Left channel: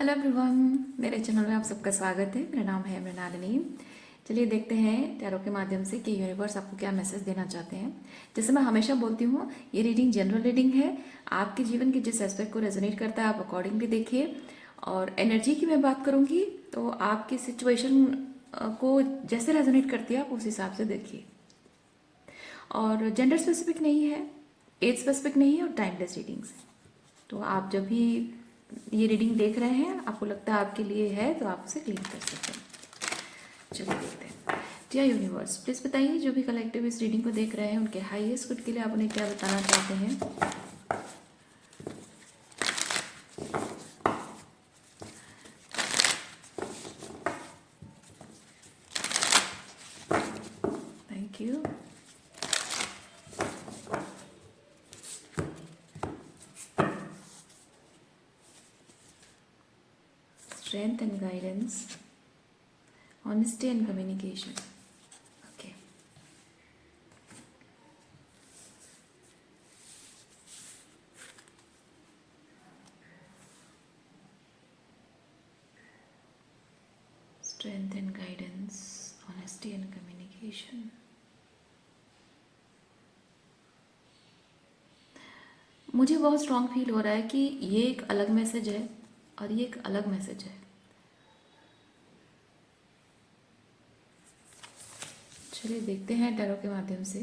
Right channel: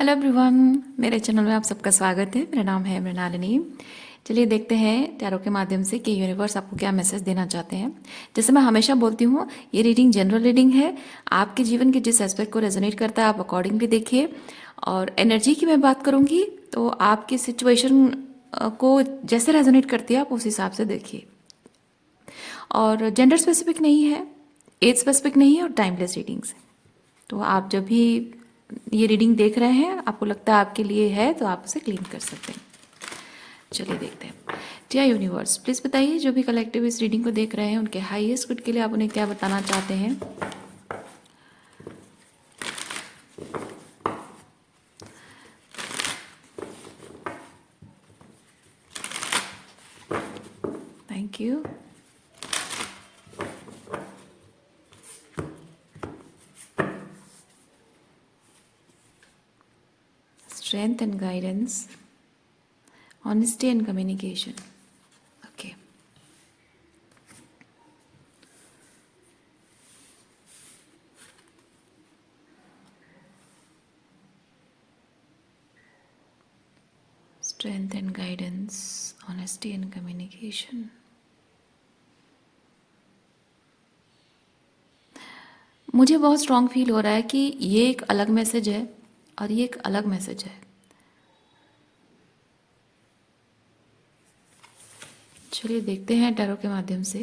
Hello everyone, मेरे channel में आप सबका स्वागत है। मेरा नाम है मृणालिनी। चलिए देखते हैं टैरो के माध्यम से कि यूनिवर्स आपको क्या मैसेज देना चाहते हैं। जैसे मैं हमेशा बोलती हूँ, ये रीडिंग जनरल रीडिंग है। आपके जीवन के जिस एस्पेक्ट को रेजोनेट करता है आप अकॉर्डिंगली देखिए। और एनर्जी की मैं बात करूँगी तो आपकी सिचुएशन को जैसे रेजोनेट करती है आप उस हिसाब से देखिए। और जेंडर स्पेसिफिक नहीं है, एज स्पेसिफिक नहीं है और टाइमलेस रीडिंग्स है। तो आप जब भी ये रीडिंग देख रहे हैं आपको लगता है आपके लिए है तो आप उसे क्लीन कर सकते हैं। चलिए देखते हैं। डियर यूनिवर्स, प्लीज़ बताइए जो भी कलेक्टिव इस रीडिंग को देख रहे हैं उनके हाईएस्ट गुड के लिए आप उन्हें क्या बताना चाहते हैं। Thank you. Strength and guidance, honesty and communication. Okay. Strength and guidance, honesty and communication. मुझे बहुत स्ट्रांग फील हो रहा है कि ये एक अलग मैसेज है और ये एक अलग मैसेज है। चलिए देखते हैं टैरो के माध्यम से।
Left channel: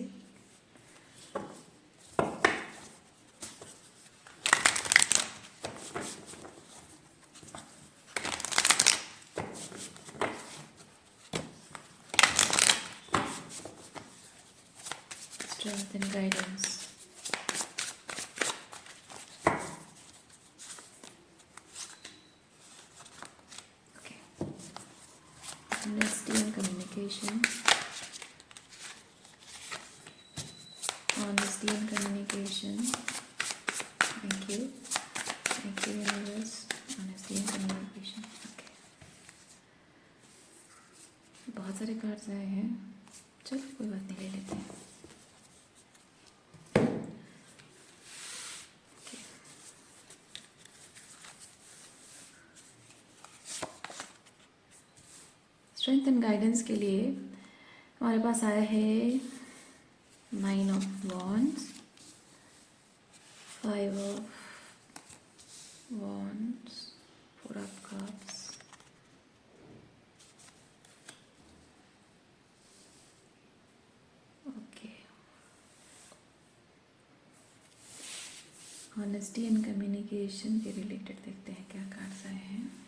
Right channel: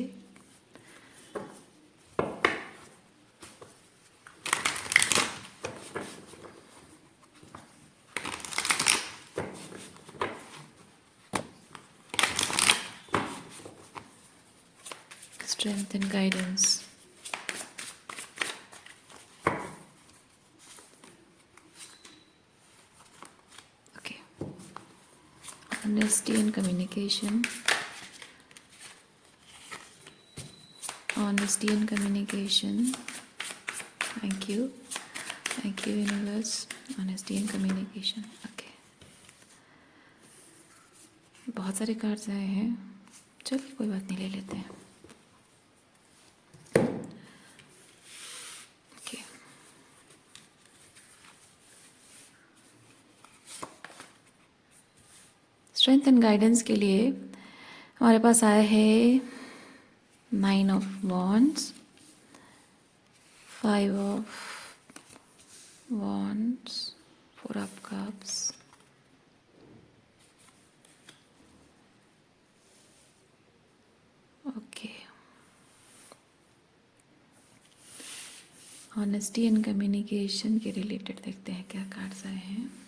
Strength and guidance. Okay. Honesty and communication. Honesty and communication. Thank you. Thank you, universe. Honesty and communication. Okay. बहुत सारे कार्ड्स आए हैं। चलिए कोई बात नहीं, ले लेते हैं। Okay. स्ट्रेंथ एंड गाइडेंस के लिए हमारे पास आया है 9 of wands, 5 of wands, 4 of cups, okay. Honesty and communication के रिलेटेड देखते हैं क्या कार्ड्स आए हैं।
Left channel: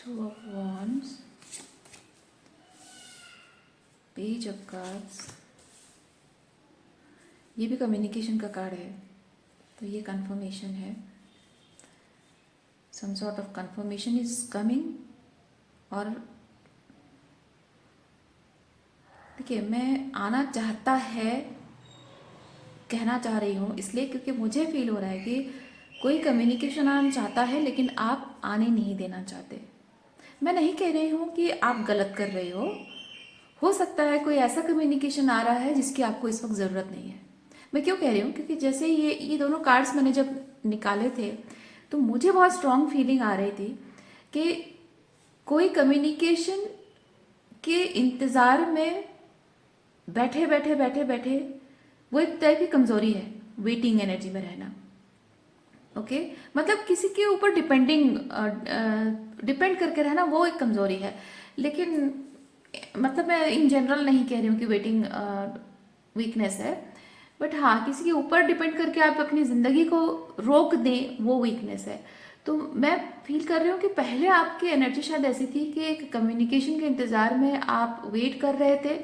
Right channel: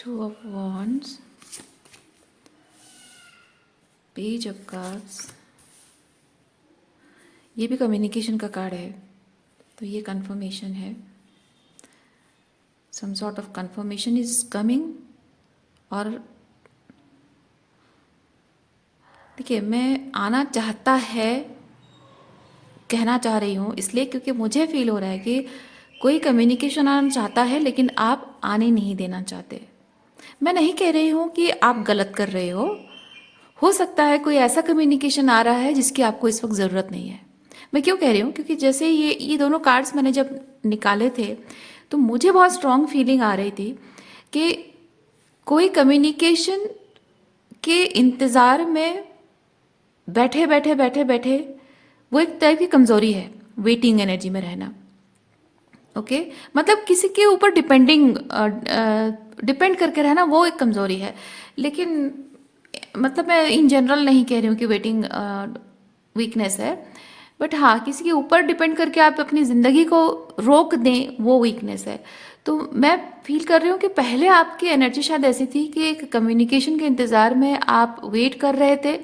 Two of Wands, Page of Cups, ये भी कम्युनिकेशन का कार्ड है तो ये कंफर्मेशन है। Some sort of confirmation is coming. और देखिए, मैं आना चाहता है कहना चाह रही हूँ इसलिए क्योंकि मुझे फील हो रहा है कि कोई कम्युनिकेशन आना चाहता है लेकिन आप आने नहीं देना चाहते। मैं नहीं कह रही हूँ कि आप गलत कर रहे हो सकता है कोई ऐसा कम्युनिकेशन आ रहा है जिसकी आपको इस वक्त ज़रूरत नहीं है। मैं क्यों कह रही हूँ, क्योंकि जैसे ये दोनों कार्ड्स मैंने जब निकाले थे तो मुझे बहुत स्ट्रांग फीलिंग आ रही थी कि कोई कम्युनिकेशन के इंतज़ार में बैठे बैठे बैठे बैठे वो एक टाइप की कमज़ोरी है, वेटिंग एनर्जी में रहना। ओके मतलब किसी के ऊपर डिपेंड करके रहना वो एक कमज़ोरी है। लेकिन मतलब मैं इन जनरल नहीं कह रही हूँ कि वेटिंग वीकनेस है, बट हाँ किसी के ऊपर डिपेंड करके आप अपनी ज़िंदगी को रोक दें वो वीकनेस है। तो मैं फील कर रही हूँ कि पहले आपकी एनर्जी शायद ऐसी थी कि एक कम्युनिकेशन के इंतज़ार में आप वेट कर रहे थे,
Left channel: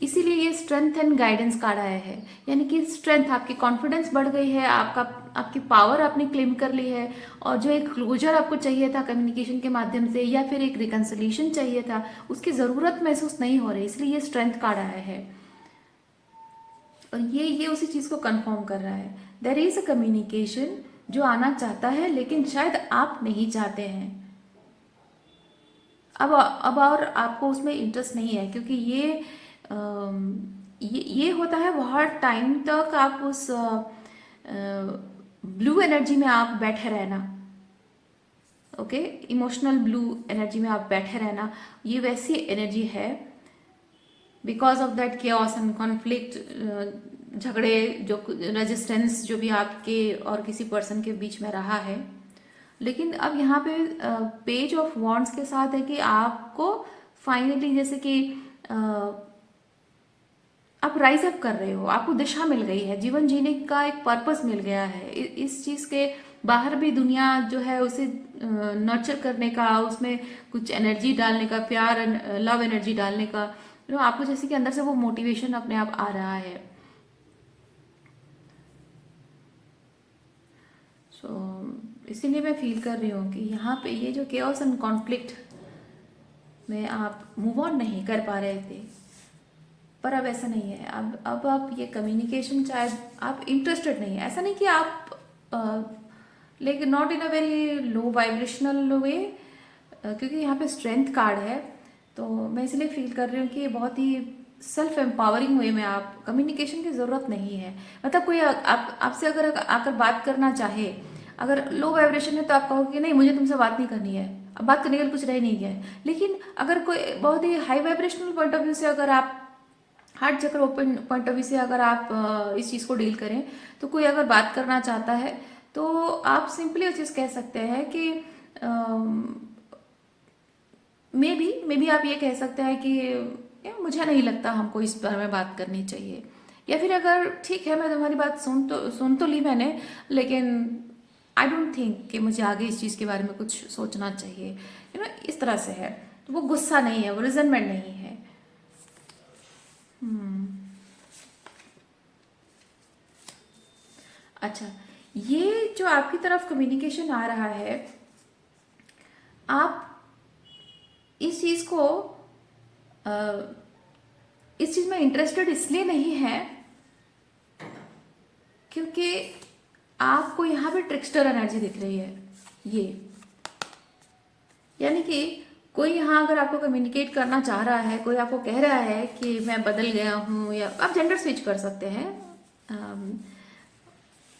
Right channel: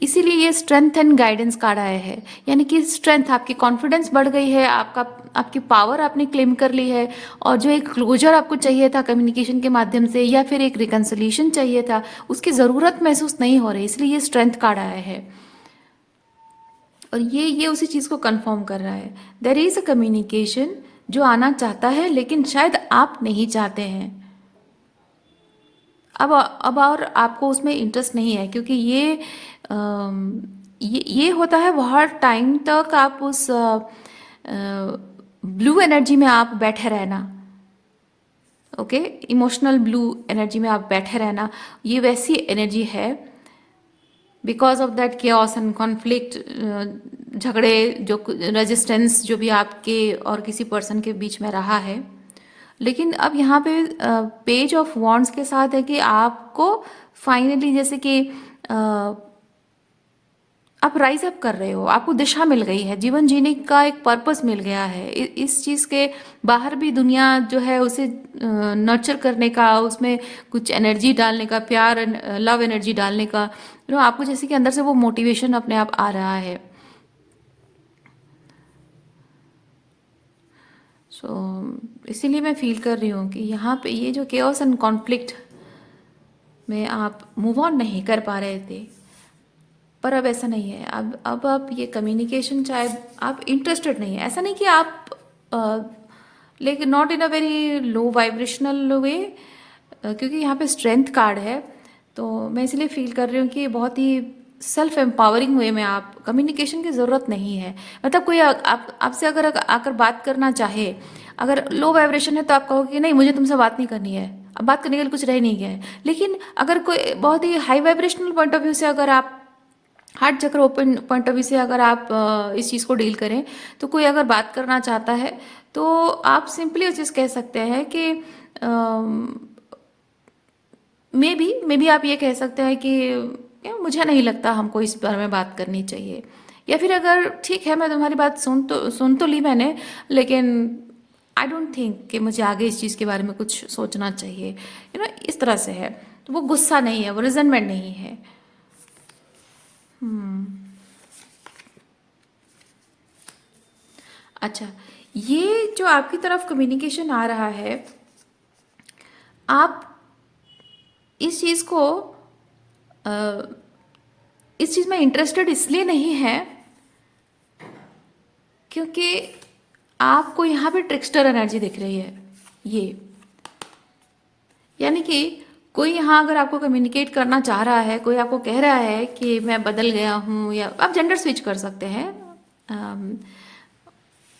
इसीलिए ये स्ट्रेंथ एंड गाइडेंस कार्ड आया है। यानी कि स्ट्रेंथ, आपकी कॉन्फिडेंस बढ़ गई है, आपकी पावर आपने क्लेम कर ली है। और जो एक क्लोजर आपको चाहिए था कम्युनिकेशन के माध्यम से या फिर एक रिकन्सिलिएशन चाहिए था उसकी ज़रूरत महसूस नहीं हो रही, इसलिए ये स्ट्रेंथ कार्ड आया है। और ये उसी चीज़ को कंफर्म कर रहा है। देयर इज़ अ कम्युनिकेशन जो आना चाहता है लेकिन शायद आप नहीं चाहते हैं। अब और आपको उसमें इंटरेस्ट नहीं है क्योंकि ये ये होता है बहुत टाइम तक आप उस ब्लू एनर्जी में आप बैठे रहना। ओके, इमोशनल ब्लू एनर्जी में आप बैठे रहना, ये वैसी एनर्जी है। Because of that chaos and conflict, झगड़े, जो रेजिस्टेंस जो भी आपके और किसी पर्सन के बीच में रहा है। लेकिन अब यहाँ पे पेज ऑफ वॉन्ड्स के साथ है कि आपको फाइनली, जैसे कि आप राइज अप कर रहे हो, आपको दिशा मिल गई है, जीवन जीने का एक पर्पस मिल गया है। इस चीज़ के बाहर भी दुनिया जो है उसे नर्चर करने का, उसमें कुछ एनर्जी डालने का, प्यार, लव एनर्जी डालने का, आपको जैसे कि अंदर से वो मोटिवेशन अपने आप आ रहा है। सो इसीलिए मैं फील कर रही हूँ कि यहाँ पे ये जो केओस एंड कॉन्फ्लिक्ट में आप मूव ऑन नहीं कर पा रहे थे, पर अब ऐसा नहीं है। अब आप ये कम्युनिकेशन, शायद आप इंटरेस्टेड नहीं है, ऐसा नहीं कि आप लेकिन not in a very low vibrational way, क्योंकि यहाँ पे स्ट्रेंथ कार्ड है। तो मैं इसलिए फील कर रही हूँ कि बहुत ही सेल्फ एम्पावरिंग वे में आप, कम्युनिकेशन की ज़रूरत नहीं है। मतलब कोई आपसे अगर आकर बात करना चाहे, अगर लो वाइब्रेशन है तो आप कहोगे कि नहीं, मुझे तुमसे बात नहीं करनी है, अब बात करने के लिए कुछ रह नहीं गया है। लेकिन अगर कोई बहुत ही high vibrational point of view से, अगर आप हार्ट चक्र ओपन पॉइंट ऑफ व्यू से अगर आप इस चीज़ को डील करें, तो कोई अगर बात करना चाहता है तो आप सिंपली उस चीज़ कह सकते हैं कि मे बी आप ये कह सकते हैं कि मुझे नहीं लगता हमको इस बारे में बात करनी चाहिए। या फिर अगर ठीक है, मैं तुम्हारी बात सुन तो ली मैंने, लेकिन आई डोंट थिंक कि मुझे आगे इस चीज़ के बारे में कुछ सोचना चाहिए। इस तरह से है। तो वो गुस्सा नहीं है, वो रिजनमेंट नहीं है। अच्छा, ये जो आपकी तरफ कम्युनिकेशन आ रहा है, आप इस चीज़ को अ, इस चीज़ में इंटरेस्टेड इसलिए नहीं है क्योंकि आपको यहाँ पे ट्रिक्स्टर एनर्जी दिख रही है। ये यानी कि कोई यहाँ अगर आपको कम्युनिकेट करना चाह रहा है, कोई आपको कह रहा है कि मैं बदल गया हूँ, या आप जेंडर स्विच कर सकते हैं।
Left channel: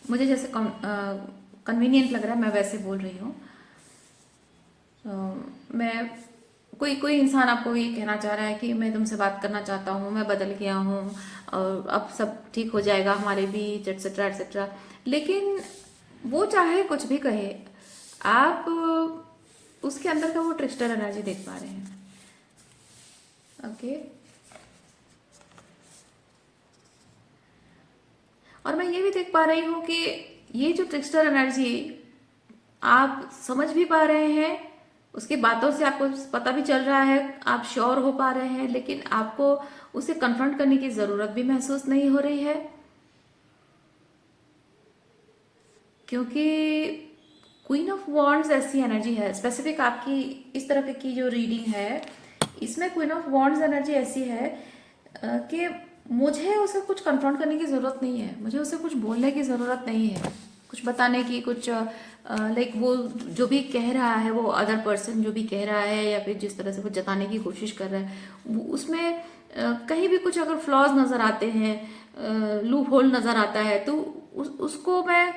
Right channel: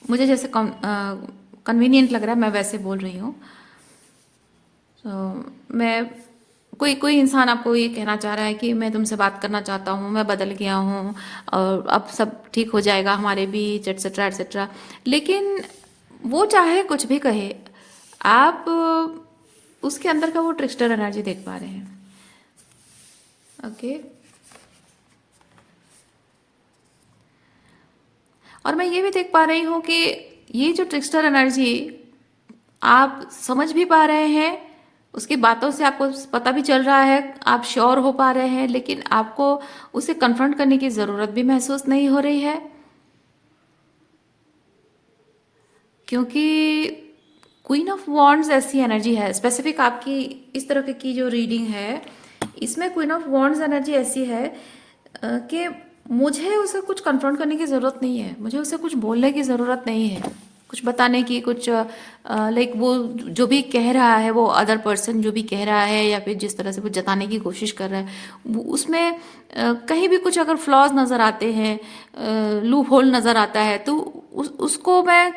मुझे जैसे कन्वीनियंट लग रहा है मैं वैसे बोल रही हूँ। मैं, कोई कोई इंसान आपको ये कहना चाह रहा है कि मैं तुमसे बात करना चाहता हूँ, मैं बदल गया हूँ और अब सब ठीक हो जाएगा हमारे बीच, एट्सेट्रा एट्सेट्रा। लेकिन वो चाहे कुछ भी कहे, आप उसके अंदर का वो ट्रिक्स्टर एनर्जी देख पा रहे हैं। ओके, और मैं ये भी देख पा रही हूँ कि ये जो ट्रिक्स्टर एनर्जी आप समझ भी पा रहे हैं, उसकी बातों से आपको पता भी चल रहा है, आप श्योर हो पा रहे हैं, लेकिन आपको उसे कन्फ्रंट करने की ज़रूरत भी महसूस नहीं हो रही है, क्योंकि क्वीन ऑफ वॉन्ड्स ऐसी एनर्जी है। स्पेसिफिक आपकी इस तरह की जो रीडिंग है, इसमें क्वीन ऑफ वॉन्ड्स एनर्जी ऐसी है कि मुझे उसे कुछ कन्फ्रंट करने की ज़रूरत नहीं है, मुझे उसे कुछ बोलने की ज़रूरत नहीं है, कुछ बताने की, कुछ लाइक वो जो भी कह रहा है, वो अदर पर्सन जो भी कह रहा है या फिर जिस तरह से कुछ जताने की कोशिश कर रहा है, उसमें कहीं भी कुछ अगर फ्लॉज नज़र आते हैं, लूप होल नज़र आता है, तो उसको मैं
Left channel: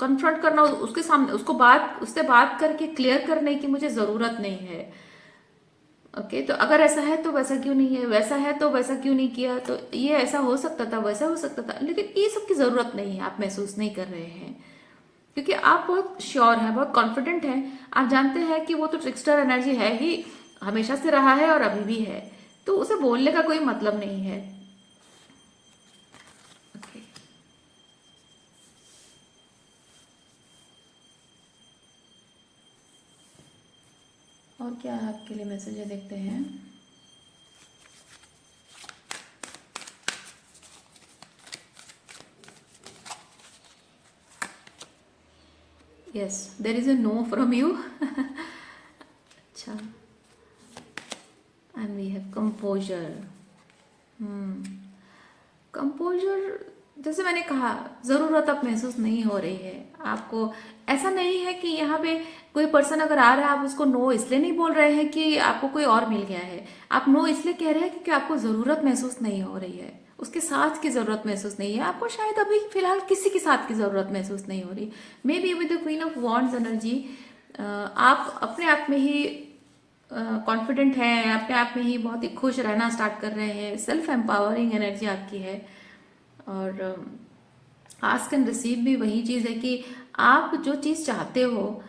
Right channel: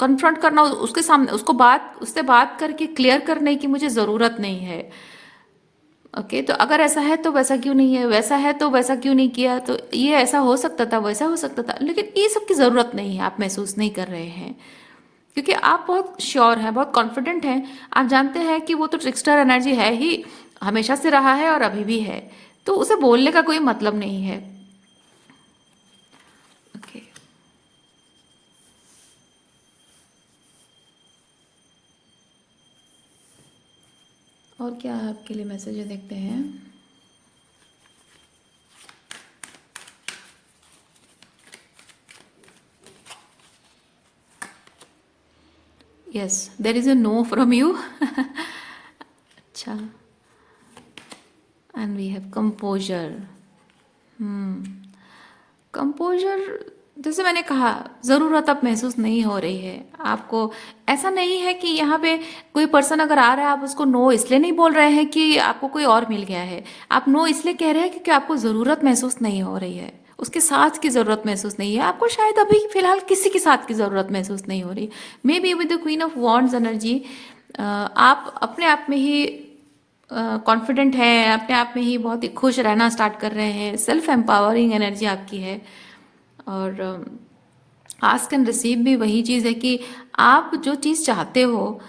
कन्फ्रंट करना, उसके सामने उससे बात करके क्लियर करने की मुझे ज़रूरत नहीं है। ओके, तो अगर ऐसा है तो वैसा क्यों नहीं है, वैसा है तो वैसा क्यों नहीं किया, तो ये ऐसा हो सकता था, वैसा हो सकता था, लेकिन ये सब की ज़रूरत नहीं है, आप महसूस नहीं कर रहे हैं, क्योंकि आप बहुत श्योर हैं, बहुत कॉन्फिडेंट हैं। आप जानते हैं कि वो तो ट्रिक्स्टर एनर्जी है ही, हमेशा से रहा है और अभी भी है, तो उसे बोलने का कोई मतलब नहीं है। ओके, और क्या आपके लिए मैसेज है, देखते हैं। Yes, there is a no from you. अच्छा, and we have composer. Composer, जैसे मैंने कहा, ज़रूरत अब महसूस नहीं हो रही है आपको। ऐसा नहीं है कि यहाँ पे कोई पर्सन अगर आ रहा है, आप उसको नो इसलिए नहीं बोल रहे हैं कि आपको कोई और मिल गया है, आप नो इसलिए कह रहे हैं क्योंकि आपको ज़रूरत महसूस नहीं हो रही है, उसके साथ की ज़रूरत महसूस नहीं है आपको, शायद अभी फ़िलहाल किसी के साथ की ज़रूरत महसूस नहीं हो रही। May be with the queen of wands energy आप अपने आप में ही कॉन्फिडेंट हैं, अपने आप में ही बहुत ही खुश रहना स्टार्ट कर रहे हैं, सेल्फ एम्पावरिंग एनर्जी आपकी है। और आस्क एंड रिसीव भी वही चीज़ है कि आप जो चीज़ चाहते हो,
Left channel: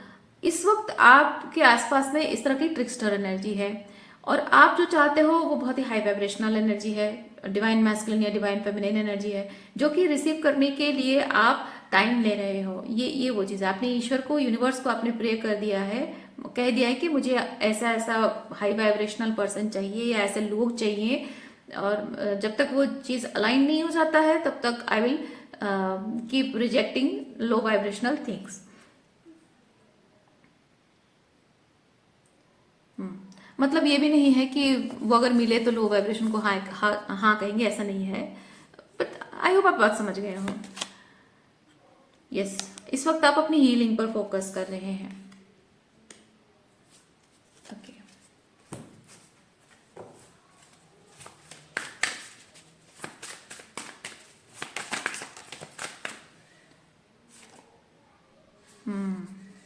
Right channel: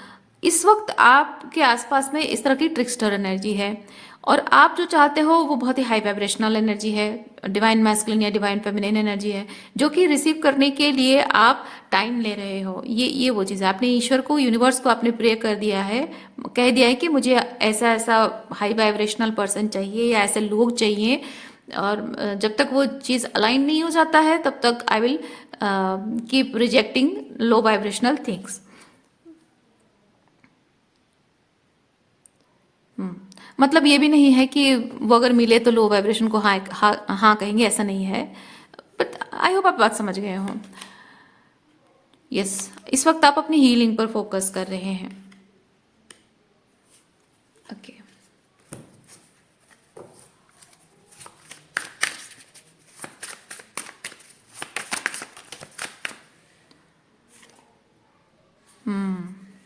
इस वक्त आपके आसपास में इस तरह की ट्रिक्स्टर एनर्जी है, और आप जो चाहते हो वो बहुत ही हाई वाइब्रेशनल एनर्जी है, डिवाइन मैस्कुलिन या डिवाइन फेमिनिन एनर्जी है, जो कि रिसीव करने के लिए आप टाइम ले रहे हो। ये वो चीज़ है, आपने ईश्वर को, यूनिवर्स को आपने प्रे कर दिया है, कह दिया है कि मुझे ऐसा ऐसा हाई वाइब्रेशनल पर्सन चाहिए या ऐसे लोग चाहिए, और जब तक वो चीज़ अलाइन नहीं हो जाता है तब तक I will keep rejecting low vibrational things. मतलब ये भी नहीं है कि वो अगर मिले तो लो वाइब्रेशन को हाँ हाँ हाँ कहेंगे, ऐसा नहीं है। बट आई होप आप बात समझ गए हो। यस, इस वक्त आप अपनी हीलिंग पर फोकस कर रहे हैं। ओके,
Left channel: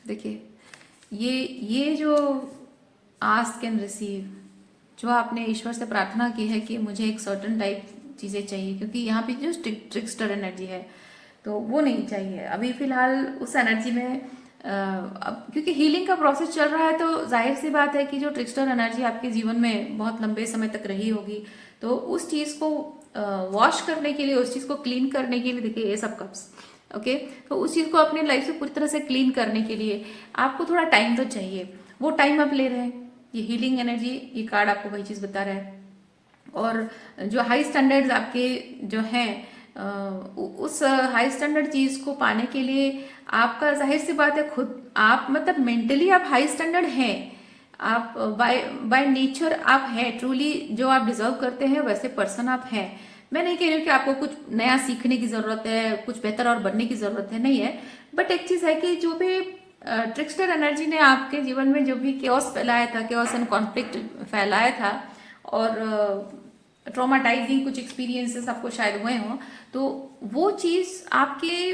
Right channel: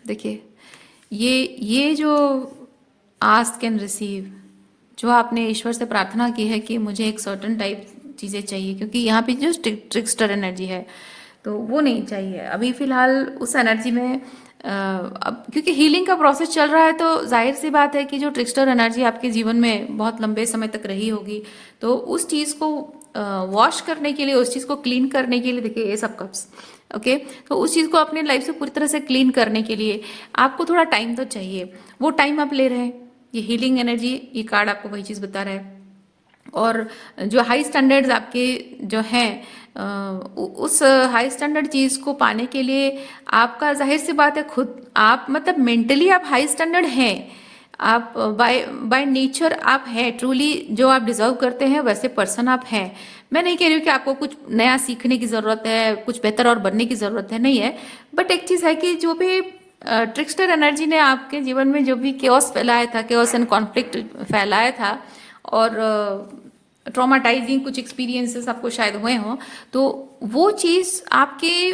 देखिए, ये जो आस्क एंड रिसीव, जो आपने ईश्वर से प्रार्थना की है कि मुझे एक सर्टन टाइप चीज़ें चाहिए, क्योंकि यहाँ पे जो ट्रिक्स्टर एनर्जी है तो वो नहीं चाहिए अभी फिलहाल उस एनर्जी में। अब क्योंकि हीलिंग का प्रोसेस चल रहा है तो जाहिर सी बात है कि जो ट्रिक्स्टर एनर्जी आपके जीवन में बहुत लंबे समय तक रही होगी, तो उस चीज़ को वॉश करने के लिए, उस चीज़ को क्लीन करने के लिए, देखिए ये सब कप्स, ओके, तो उस चीज़ को अपनी लाइफ से पूरी तरह से क्लीन करने के लिए आपको थोड़ा टाइम तो चाहिए। वो टाइम आप ले रहे हैं, ये हीलिंग एनर्जी, ये कार्ड आपको वही चीज़ बता रहा है। और जो हाई स्टैंडर्ड्स आपके जो हैं, उस हाई स्टैंडर्ड चीज़ को पाने के लिए आपका, जाहिर सी बात है, खुद आप मतलब मेंटली आप हाई स्टैंडर्ड हैं, आप बाय बाय नेचर आप हैं, ट्रूली जो आप डिजर्व करते हैं वैसे पर्सन आप हैं। मैं नहीं कह रही हूँ कि आपको कुछ नया सीखने की ज़रूरत है, कुछ बेहतर और बनने की ज़रूरत है, नहीं है। बट एक चीज़ है कि जो भी ट्रिक्स्टर एनर्जी ने आपके जीवन में जो भी केओस फैलाया था, केओस एंड कॉन्फ्लिक्ट फैलाया था, और ट्रॉमाटाइजिंग कुछ एक्सपीरियंसेस आपको शायद हुए हों, तो वो चीज़ आपके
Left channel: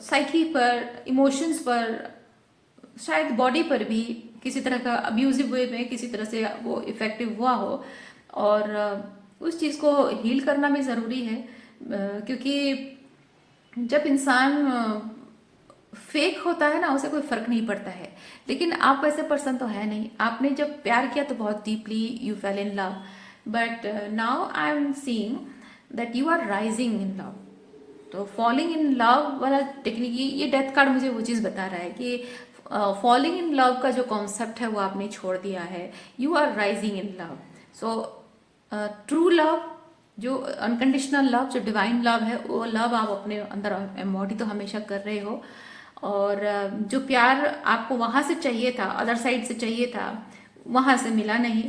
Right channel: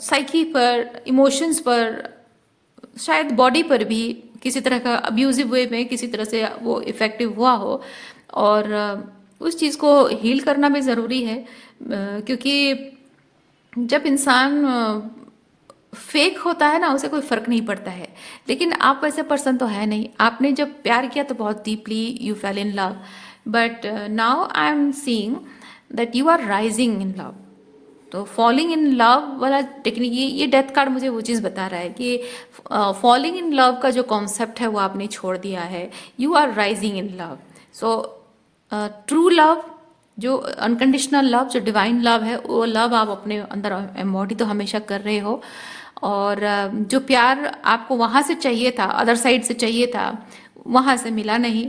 साइकी पर, इमोशंस पर, शायद बॉडी पर भी किसी तरह का अब्यूजिव वे में किसी तरह से वो इफेक्टिव हुआ हो, और उस चीज़ को हील करना भी ज़रूरी है। क्योंकि जब इंसान फेक होता है ना, उसे कोई फर्क नहीं पड़ता है। लेकिन आप वैसे पर्सन तो है नहीं, आपने जब प्यार किया तो बहुत deeply you fell in love, but now I am seeing that you are rising in love. तो फॉलिंग इन लव वाला टेक्निक, ये डेथ कार्ड मुझे वो चीज़ बता रहा है कि फॉलिंग इन लव का जो कॉन्सेप्ट है वो आपने छोड़ दिया है, you are rising in love. So true love, जो अनकंडीशनल लव, जो डिवाइन लव है, वो लव आप अपने अंदर एम्बॉडी तो हमेशा कर रहे हो। और जो प्यार आपको वहाँ से चाहिए था, अदर साइड से चाहिए था, वहाँ से मिला नहीं।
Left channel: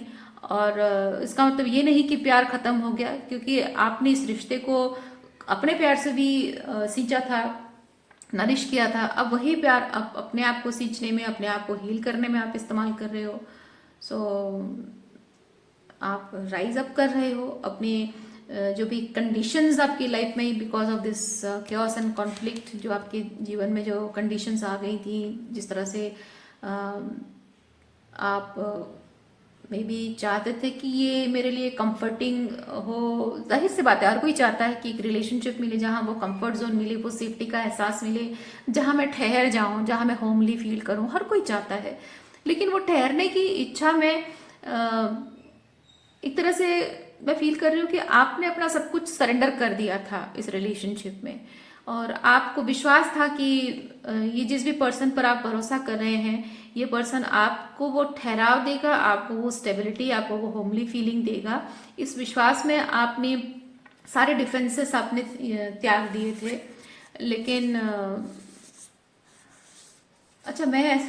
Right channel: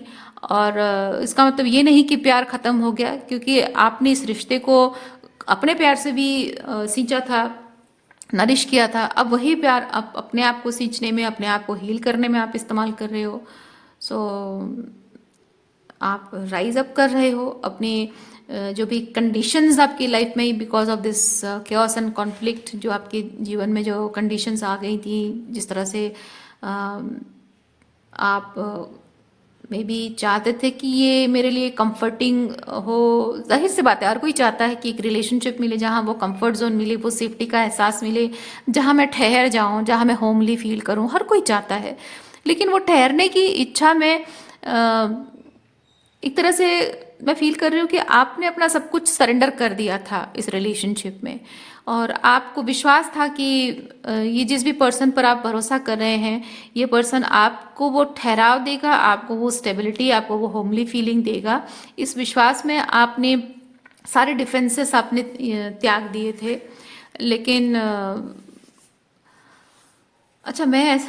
और इसका मतलब ये नहीं कि प्यार ख़त्म हो गया, क्योंकि आपने इस रिश्ते को अपने प्यार से भी सींचा था, नरिश किया था। अब वही प्यार आप अपने आप को सींचने में, अपने आप को हील करने में आप इस्तेमाल कर रहे हो। सो आप राइज अप कर रहे हो अपनी जो भी कंडीशंस आपकी लाइफ में, because of this chaos and conflict, जो आपके जीवन में जो कंडीशंस आ गई थी, जिस तरह से आप मे बी चाहते थे कि ये मेरे लिए कंफर्टिंग हो। जाहिर सी बात है, हर कोई चाहता है कि एक रिलेशनशिप मिले जहाँ वो कंफर्ट जोन मिले, वो सेफ्टी का एहसास मिले, जहाँ मैं ठहर जाऊँ, जहाँ मैं होमली फील करूँ, हर कोई चाहता है। लेकिन वो ठहरने की इच्छा में एक तरह से मैं फील कर रही हूँ कि आपने अपना सब कुछ सरेंडर कर दिया था इस रिलेशनशिप में, और आपको विश्वास था कि ये जिस भी पर्सन पर आप भरोसा कर रहे हैं, ये पर्सन आपको वो ठहराव देगा, आपको वो स्टेबिलिटी, आपको वो होमली फीलिंग देगा। इस विश्वास में आपने सारे डिफेंसेस आपने त्याग दिए थे। लेकिन अच्छा, मैं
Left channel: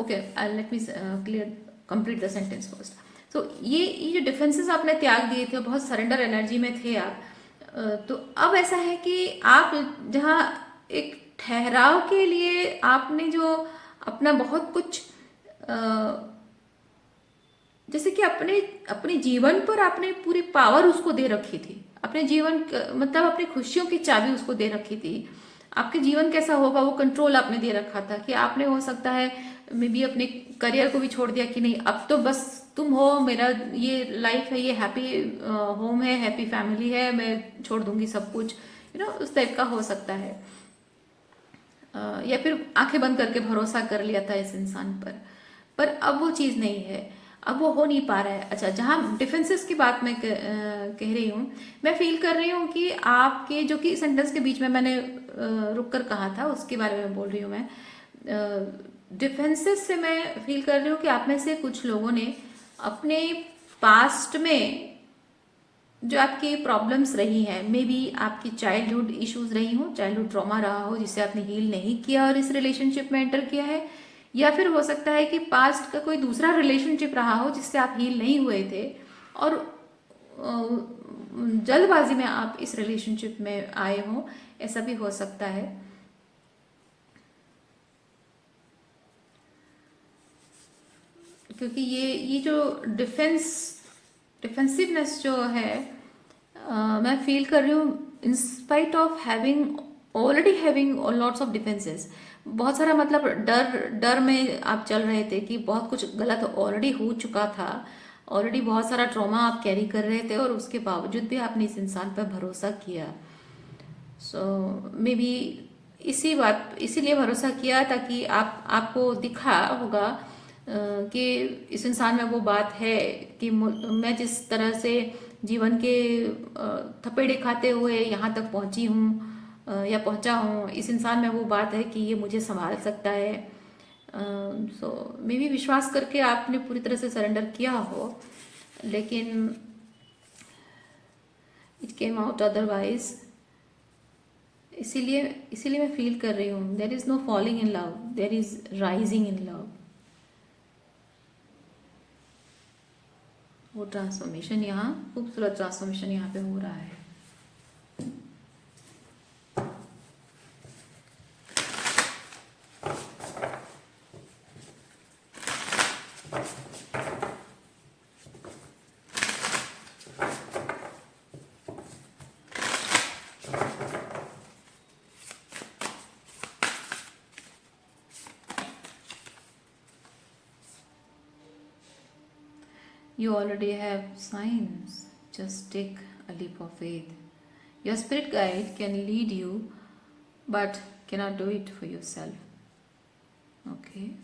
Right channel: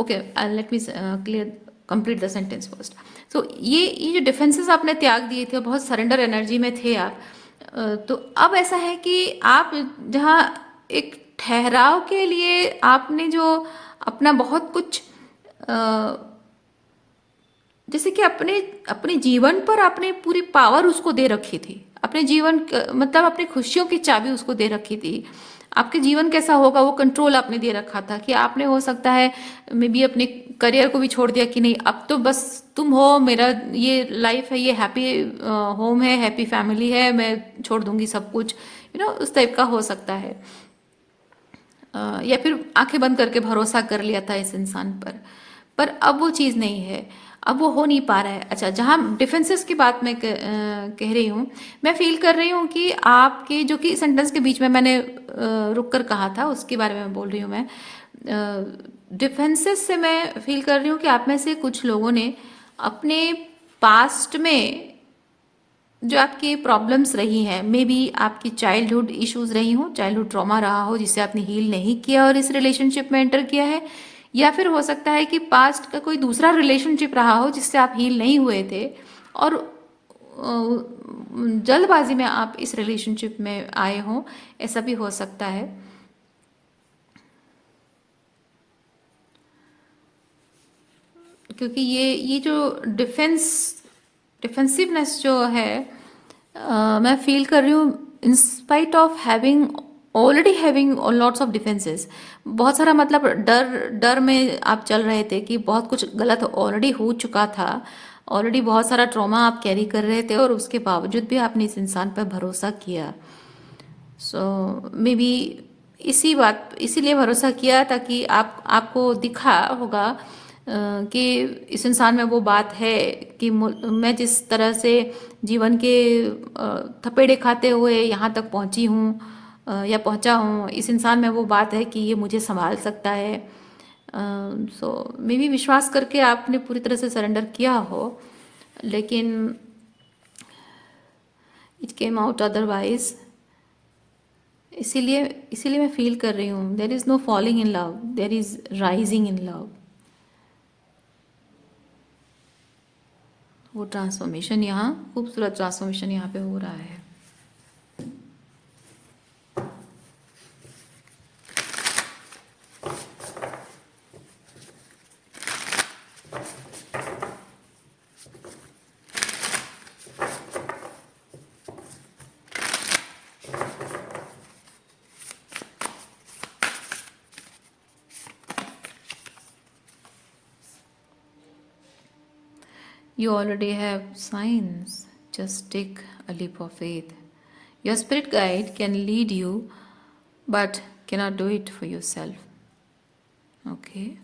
okay, let me clear complete the sentence first. तो ये जो डिफेंसेस आपने त्याग दिए थे, बहुत सरेंडर एनर्जी में थे आप। तो अब ऐसा है कि आप जहाँ एक ठहराव के लिए आपने जो अपना बहुत कुछ जैसे कि अपने अपने जीवन पर आपने पूरी पावर उसको दे रखी थी, अपने मतलब अपनी खुशियों की चाबी उसको दे रखी थी। आपके जीवन कैसा होगा वो कंट्रोल आपने दे रखा था, कि आपने हो सकता है मे बी अपने करियर को भी छोड़ दिया कि नहीं अब तो बस तुम हो, मेरा ये लाइफ है, ये हैप्पी होम है, हैप्पी फैमिली है, मैं छोड़ दूंगी सब कुछ, उस टाइप का हो सकता है। या फिर आंखें बंद करके भरोसा कर लिया था इस इंसान पर अब वो चीज़ नहीं है, अब वो हो नहीं पा रहा है। अच्छा, जहाँ डिफेंसेस की बात मैं कह रही हूँ, मैं फील कर रही हूँ कि आपके जो कि सेंटेंस के बीच में मैंने रुक कर कहा था उसके बारे में बोल रही हूँ मैं। डिफेंसेस से मैं फील कर रही हूँ कि आप में से कुछ लोगों ने अपने पास्ट में जो आपकी प्रॉब्लम्स रही हैं, मे बी आपकी चाइल्डहुड इश्यूज रही हो, चाइल्डहुड ट्रॉमा रहा हो जिसे आपने हील नहीं किया और इस रिलेशनशिप में एंटर किया है, या फिर हो सकता है कि पास्ट का कोई दूसरा रिलेशनशिप रहा हो जिससे आप हील नहीं हुए थे और जल्दबाजी में आप इस रिलेशनशिप में आए हों, ऐसा भी हो सकता है। क्योंकि ये जो डिफेंसिवनेस जो है, मैं फील कर रही हूँ in spite of having already having lots of defences, बहुत सारा मतलब डर डर में आप चल रहे थे कि बहुत कुछ गलत ऑलरेडी हो चुका था, ऑलरेडी बहुत सारा ट्रॉमा आप कैरी कर रहे थे और उसके बावजूद भी आपने इस इंसान पर भरोसा किया। सो मे बी इसीलिए भरोसा किया ताकि आपको दिखा होगा कि इस इंसान में वो बात है कि मैं जिस तरह से जीवन के थपेड़े खाते हुए यहाँ तक पहुँची हूँ या पहुँचा हूँ, इस इंसान में वो बात है कि ये मुझे संभाल सकता है। सो मे बी विश्वास करके आपने पूरी तरह से सरेंडर किया हो, लेकिन इट केम आउट अदरवाइज। इसीलिए इसीलिए मैं फील कर रही हूँ there is no falling in love, there is rising in love. वो ट्रांसफॉर्मेशन यहाँ, खूबसूरत ट्रांसफॉर्मेशन यहाँ पे हो रहा है। You already have signs. Just take a leap of faith. Your spirit guide can lead you, but cannot do it for yourself. Okay.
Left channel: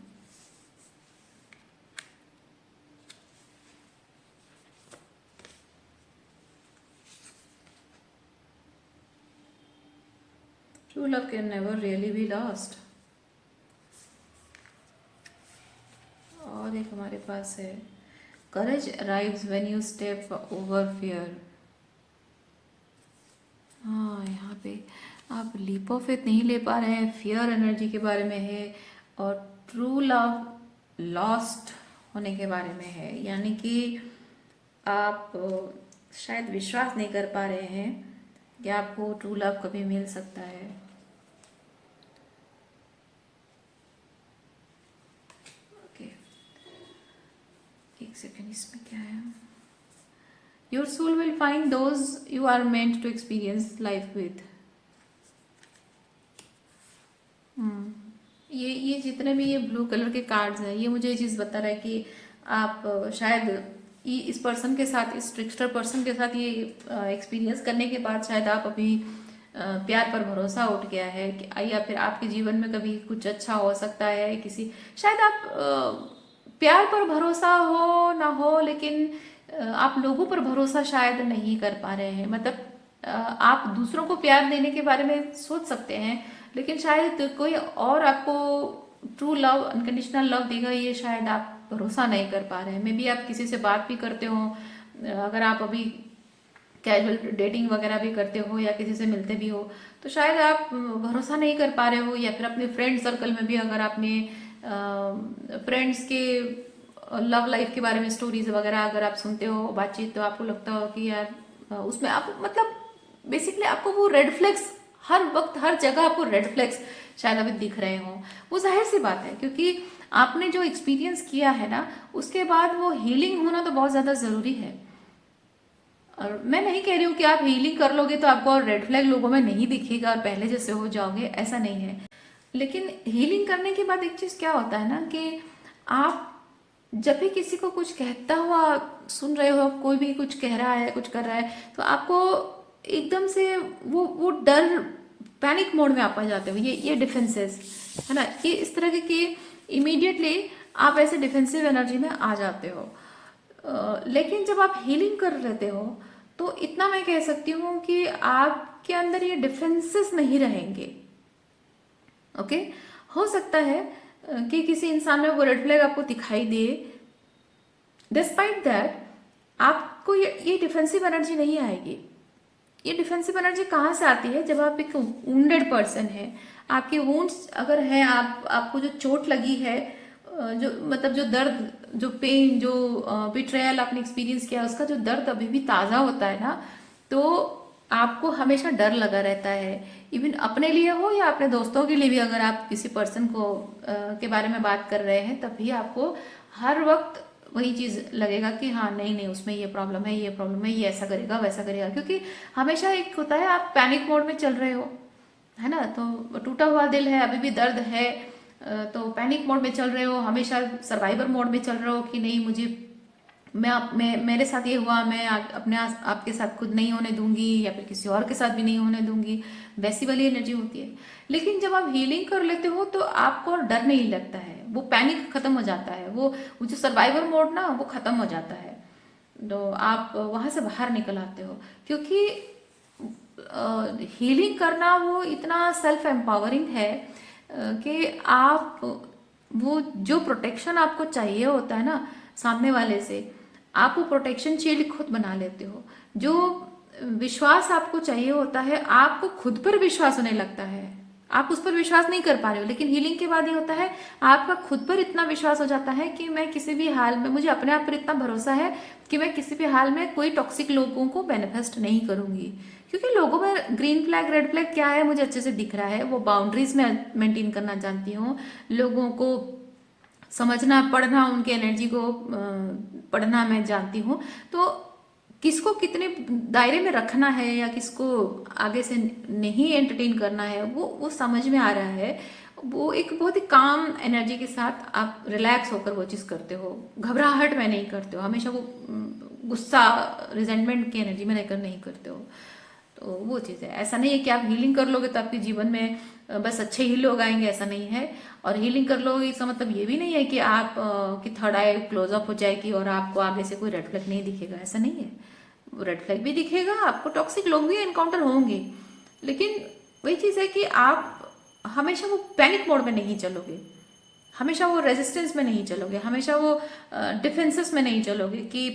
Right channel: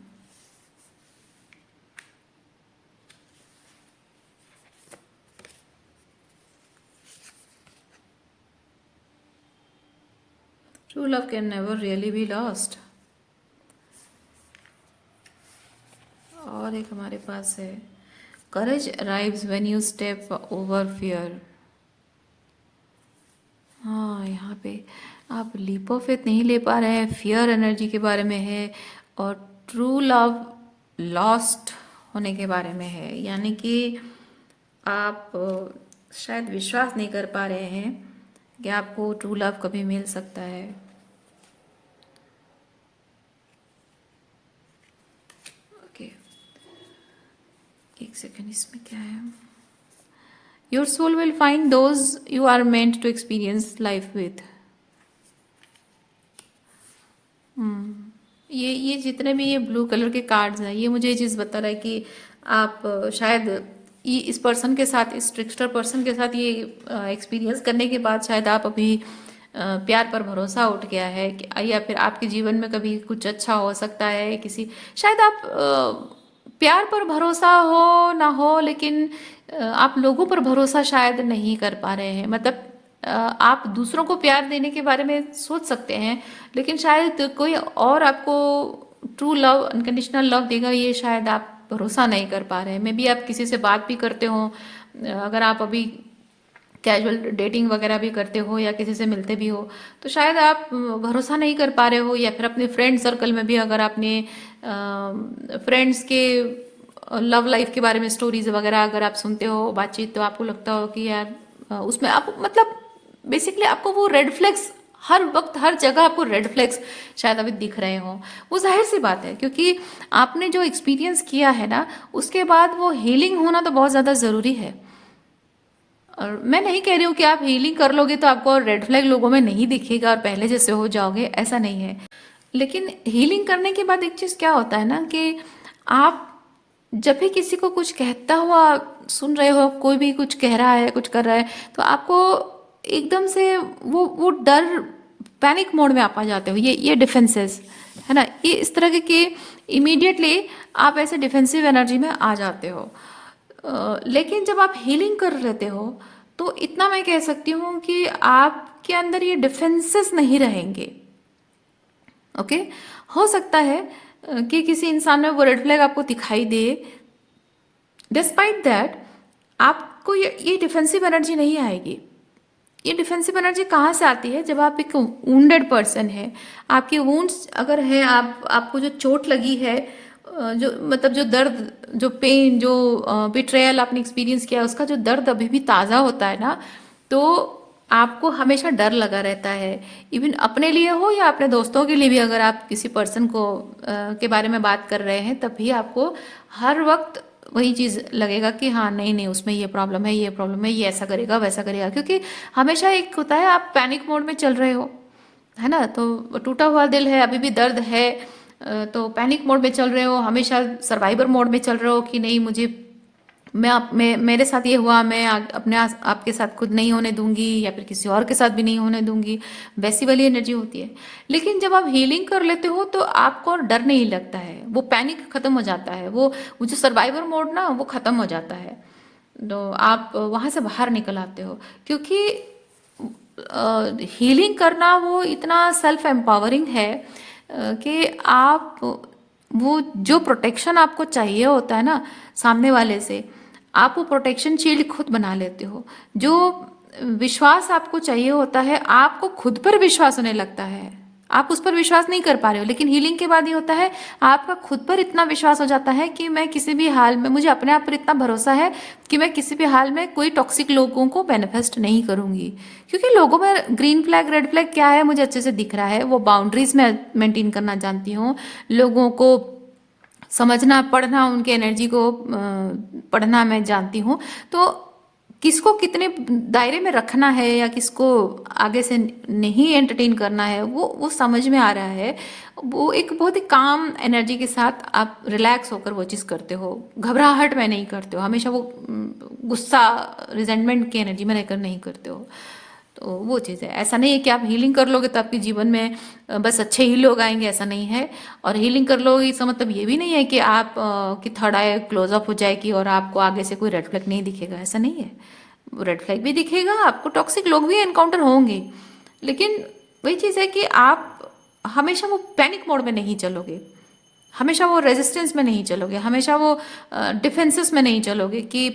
True love can never really be lost. और एक हमारे पास है, courage arrives when you step over fear. हाँ, यहाँ पे आप leap of faith नहीं ले पा रहे हैं, फियर एनर्जी के बारे में है और ट्रू लव लॉस्ट होने के बारे में है। यानी कि आप शायद विश्वास नहीं कर पा रहे हैं कि आपको ट्रू लव कभी मिल सकता है। ओके, एक सेकेंड, इसमें क्या है? Your soul will find those you are meant to experience life with. ये जितने भी ये ब्लू कलर के कार्ड्स हैं, ये मुझे ये चीज़ बता रहा है कि आप शायद ये इस पर्सन के साथ, इस ट्रिक्स्टर पर्सन के साथ ये एक्सपीरियंस करने के बाद शायद आप अभी प्यार पर भरोसा उठ गया है या फिर आपके जीवन में कभी कुछ अच्छा हो सकता है। किसी शायद आप प्यार पर भरोसा हो ना हो, लेकिन आप लोगों पर भरोसा शायद नहीं कर पा रहे हैं। मतलब आप दूसरों को प्यार देने के बारे में सोच सकते हैं, लेकिन शायद कोई और आपको ट्रू लव, अनकंडीशनल लव देगा, ये शायद आप भरोसा नहीं कर पा रहे हैं। मे बी आप किसी से बात भी करते हो, अगर आप अभी कैजुअल डेटिंग वगैरह भी करते हो या किसी से मिलते भी हो, तो शायद आप भरोसा नहीं कर पा रहे हो। या फिर अपने फ्रेंड सर्कल में भी अगर आपने फ्रेंड्स के लव लाइफ के बारे में स्टोरीज वगैरह अगर आप सुनते हो, बातचीत, तो आपको लगता हो कि यार उसमें आप मतलब बेसिकली आपको वो रेड फ्लैग्स हर वक्त हर जगह आपको रेड फ्लैग्स शायद अभी दिख रहे हो। वो जाहिर सी बात है, क्योंकि आपने जो एक्सपीरियंस किया है ना, उसके बाद वो हीलिंग होना तो बहुत ज़्यादा ज़रूरी है। और मैं नहीं कह रही हूँ कि आप हीलिंग कर लोगे तो आपको रेड फ्लैग लोगों में नहीं दिखेगा और पहले जैसे हो जाओगे, ऐसा नहीं है। लेकिन हीलिंग करने के बाद एक चीज़ क्या होता है ना, कि आप जब भी किसी को कुछ कहता हुआ सुन रहे हो, कोई भी कुछ कह रहा है, कुछ कर रहा है, तो आपको एकदम से वो डर, पैनिक मोड में आप आ जाते हो। ये डिफेंसेस है ना, ये इस तरह के इमीडिएटली आप ऐसे डिफेंसिव एनर्जी में आ जाते हो। लेकिन जब आप हीलिंग कर लेते हो तो इतना मैं कह सकती हूँ कि आपके अंदर ये डिफेंसेस नहीं रहेंगे। ओके, हो सकता है कि किसी इंसान में वो रेड फ्लैग आपको दिखाई दे, डिस्पाइट दैट आपको ये डिफेंसिव एनर्जी नहीं आएगी। ये डिफेंसिव एनर्जी कहाँ से आती है? जब आप एक वुंडेड पर्सन है, आपके वुंड्स अगर है, आपको जो चोट लगी है, जो मतलब जो दर्द, जो पेन, जो बिट्रेयल आपने एक्सपीरियंस किया, उसका जो दर्द अभी भी ताज़ा होता है ना, तो आपको हमेशा डर लगा रहता है। इवन अपने लिए हो या अपने दोस्तों के लिए भी, अगर आप किसी पर्सन को के बारे में बात कर रहे हैं, तब भी आपको हर वक्त वही चीज़ लगेगा कि हाँ नहीं नहीं, उसमें ये प्रॉब्लम है, ये प्रॉब्लम है, ये ऐसा करेगा, वैसा करेगा। क्योंकि हमेशा एक होता है, आप पैनिक मोड में चल रहे हो, है ना, तो टूटा हुआ दिल है, अभी भी दर्द है, तो पैनिक मोड में चल रहे हो, हमेशा सर्वाइवर मोड में चल रहे हो कि नहीं, मुझे मैं मेरे साथ ये हुआ, मैं आपके साथ खुद नहीं होने दूंगी, या फिर किसी और के साथ भी नहीं होने दूंगी, वैसी वाली एनर्जी होती है। लेकिन जब आप हीलिंग कर लेते हो तो आपको और डर नहीं लगता है, वो पैनिक खत्म हो जाता है, वो जो सर्वाइवर मोड ना, वो खत्म हो जाता है। तो आप वहां से बाहर निकल आते हो, क्योंकि हीलिंग करना वो इतना सेल्फ एम्पावरिंग है कि आप वो जो प्रोटेक्शन आपको चाहिए होता है ना सामने वाले से, आप वो प्रोटेक्शन शील्ड खुद बना लेते हो। जो विश्वास आपको चाहिए होता है, आपको खुद पर विश्वास होने लगता है, आप उस पर विश्वास नहीं कर पा रहे हो। लेकिन हीलिंग के बाद ये होता है, आपका खुद पर इतना विश्वास हो जाता है कि मैं किसी भी हाल में, मुझे अपने आप पर इतना भरोसा है कि मैं किसी भी हाल में कोई टॉक्सिक लोगों को मैनिफेस्ट नहीं करूंगी। क्योंकि लोगों में ग्रीन फ्लैग रेड फ्लैग क्या है मुझे अच्छे से दिख रहा है, वो बाउंड्रीज में मेंटेन करना जानती हूँ, लोगों को समझना, पढ़ना, उनके एनर्जी को पढ़ना मैं जानती हूँ। तो किसको कितने दायरे में रखना है या किसको आगे से नहीं एंटरटेन करना है, वो समझ में आ रहा है। वो एक बहुत ही काम एनर्जी के साथ आप रिलैक्स होकर वो चीज़ करते हो, घबराहट में नहीं करते हो, हमेशा वो गुस्सा, रिजेंटमेंट की एनर्जी में रहकर नहीं करते हो। तो वो चीज़ है। ऐसा नहीं है कि आप हीलिंग कर लोगे तो आपके जीवन में बस अच्छे ही लोग आएंगे, ऐसा नहीं है। और हीलिंग कर लोगे इसका मतलब ये भी नहीं है कि आप की थर्ड आई क्लोज अप हो जाएगी और आपको आगे से कोई रेड फ्लैग नहीं दिखेगा, ऐसा नहीं है। रेड फ्लैग भी दिखेगा आपको, टॉक्सिक लोग भी एनकाउंटर होंगे, लेकिन वही चीज़ है कि आप हमेशा वो पैनिक मोड में नहीं चलोगे, हमेशा वो रेजिस्टेंस में नहीं चलोगे, हमेशा वो डिफेंसेस में नहीं चलोगे कि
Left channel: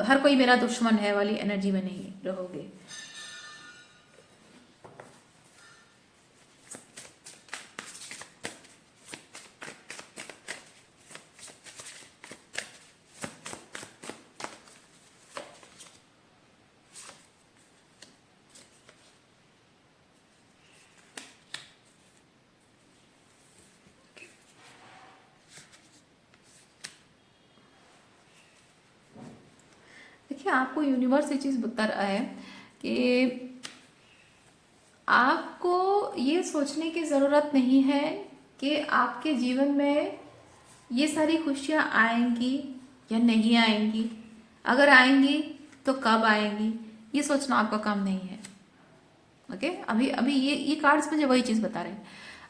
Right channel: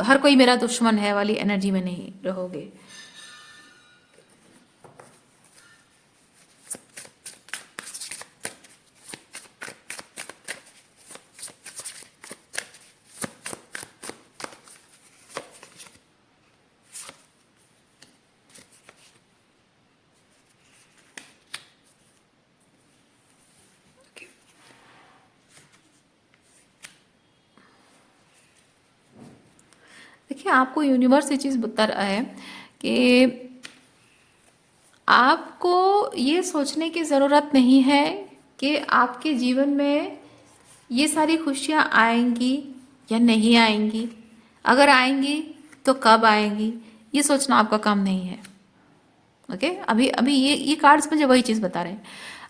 हर कोई मेरा दुश्मन है वाली एनर्जी में नहीं रहोगे। देखिए, आपको यूनिवर्स ये चीज़ बता रहा है कि आपको ये सोचने की ज़रूरत नहीं है कि आपके जीवन में ये सारी खुशियाँ आएंगी या नहीं आएंगी, अगर आएंगी तो कब आएंगी, ये सोचना आपका काम नहीं है। ओके, अभी अभी ये कार्ड्स मुझे वही चीज़ बता रहे हैं।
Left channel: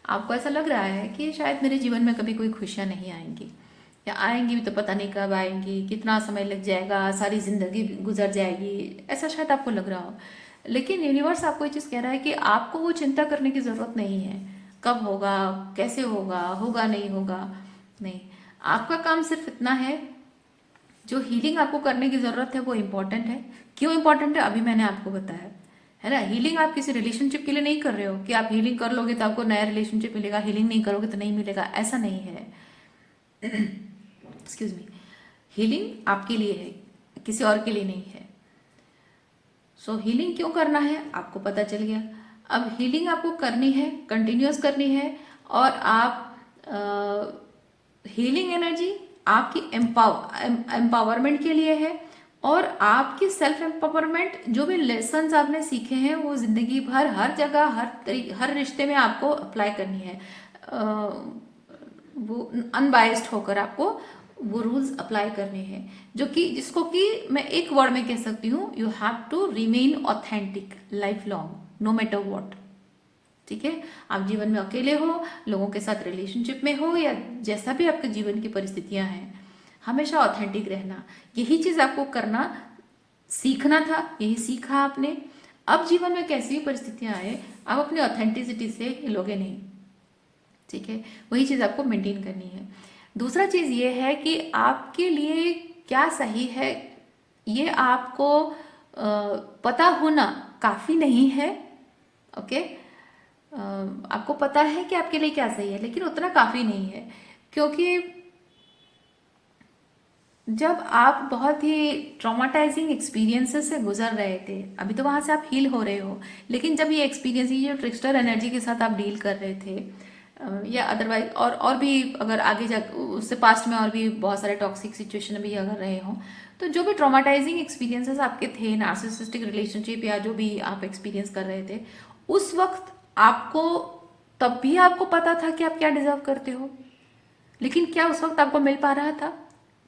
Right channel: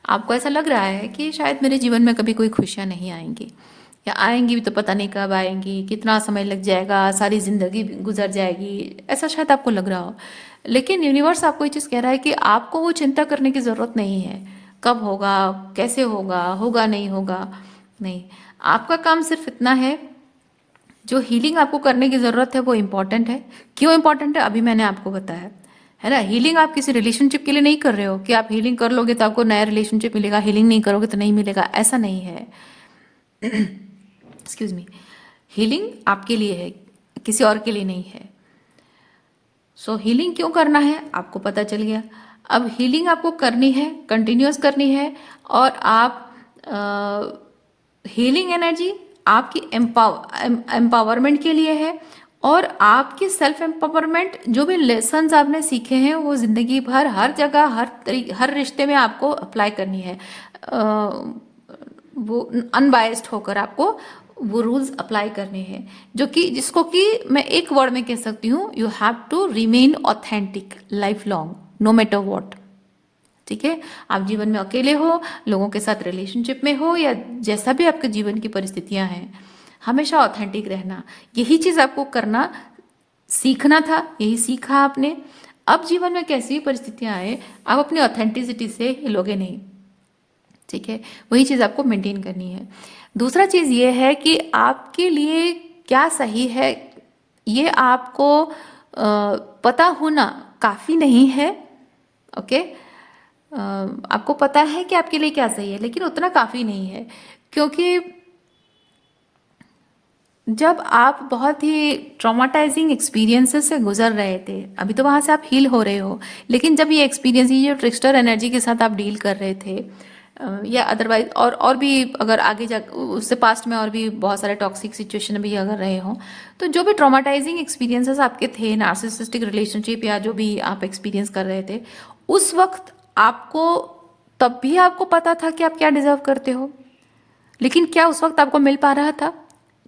आपको ऐसा लग रहा है कि शायद मेरे जीवन में कभी कोई खुशियाँ नहीं आएंगी, या आएंगी भी तो पता नहीं कब आएंगी, कितना समय लग जाएगा, सारी जिंदगी गुजर जाएगी, ऐसा शायद आपको लग रहा हो। लेकिन यूनिवर्स आपको ये चीज़ कह रहा है कि आपको वो चिंता करने की ज़रूरत नहीं है, कब होगा, कैसे होगा, होगा नहीं होगा, नहीं। आपका काम सिर्फ इतना है, जो हीलिंग आपको करने की ज़रूरत है वो इम्पॉर्टेंट है। क्यों इम्पॉर्टेंट है अभी मैंने आपको बताया, है ना। हीलिंग आप किसी रिलेशनशिप के लिए नहीं कर रहे हो कि आप हीलिंग कर लोगे तो आपको नया रिलेशनशिप मिलेगा, हीलिंग नहीं करोगे तो नहीं मिलेगा, ऐसा नहीं है। एक्सक्यूज मी, हीलिंग आपके लिए है, किसी और के लिए नहीं है। सो हीलिंग क्यों करना है आपको पता चल गया। अब हीलिंग आपको करनी है, कंटिन्यूअस करनी है, और आप हीलिंग एनर्जी आपकी एम्पावरमेंट के लिए है, और आपकी सेल्फ एम्पावरमेंट, जो भी लेसन्स आपने सीखे हैं वो जिंदगी भर हर जगह हर रिश्ते में आपको अप्लाई करनी है। वो अनबायस्ड होकर आपको वो रूल्स अप्लाई करने हैं, जो कि जिसको कि मैं एक वर्ड में कह सकती हूँ, you have to remain authentic life long no matter what. ठीक है, आप जीवन में अकेले हो, लोगों के साथ रिलेशनशिप में हो, या जैसा भी आपके जीवन की परिस्थितियां हैं, हमेशा ऑथेंटिक रहना, यही चीज आपको करना सीखना था, यही सीखा आपने। अब जीवन में कैसी भी परिस्थितियां आए, आप अपनी ऑथेंटिसिटी से हिलोगे नहीं। ठीक है, वही चीज आपको मेंटेन करनी है। दूसरा चीज ये है कि आपके लिए क्या सही है, ये आपको पता होना काफी नहीं है। ओके, आपको पता है कि आपके लिए क्या सही है, लेकिन उतना काफी नहीं है, क्योंकि जब आप बहुत ही ट्रॉमाटाइजिंग एक्सपीरियंसेस से गुजर रहे थे, अभी तो वहां से आप हील हो रहे हो, लेकिन जब ये एक्सपीरियंस, ये जो ट्रिक्स्टर एनर्जी के साथ आप डील कर रहे थे, या अदरवाइज और भी अगर आगे जा उससे पास्ट में और भी बहुत सारे टॉक्सिक सिचुएशन भी अगर रहे हों, तो जो भी ट्रॉमाटाइजिंग एक्सपीरियंसेस आपके थे, नार्सिसिस्टिक रिलेशनशिप या जो भी आप एक्सपीरियंस कर रहे थे, उस वक्त आपको, तब भी आपको पता था कि आप क्या डिजर्व करते हो, लेकिन क्या उस वक्त आपको मिल पा रहा था?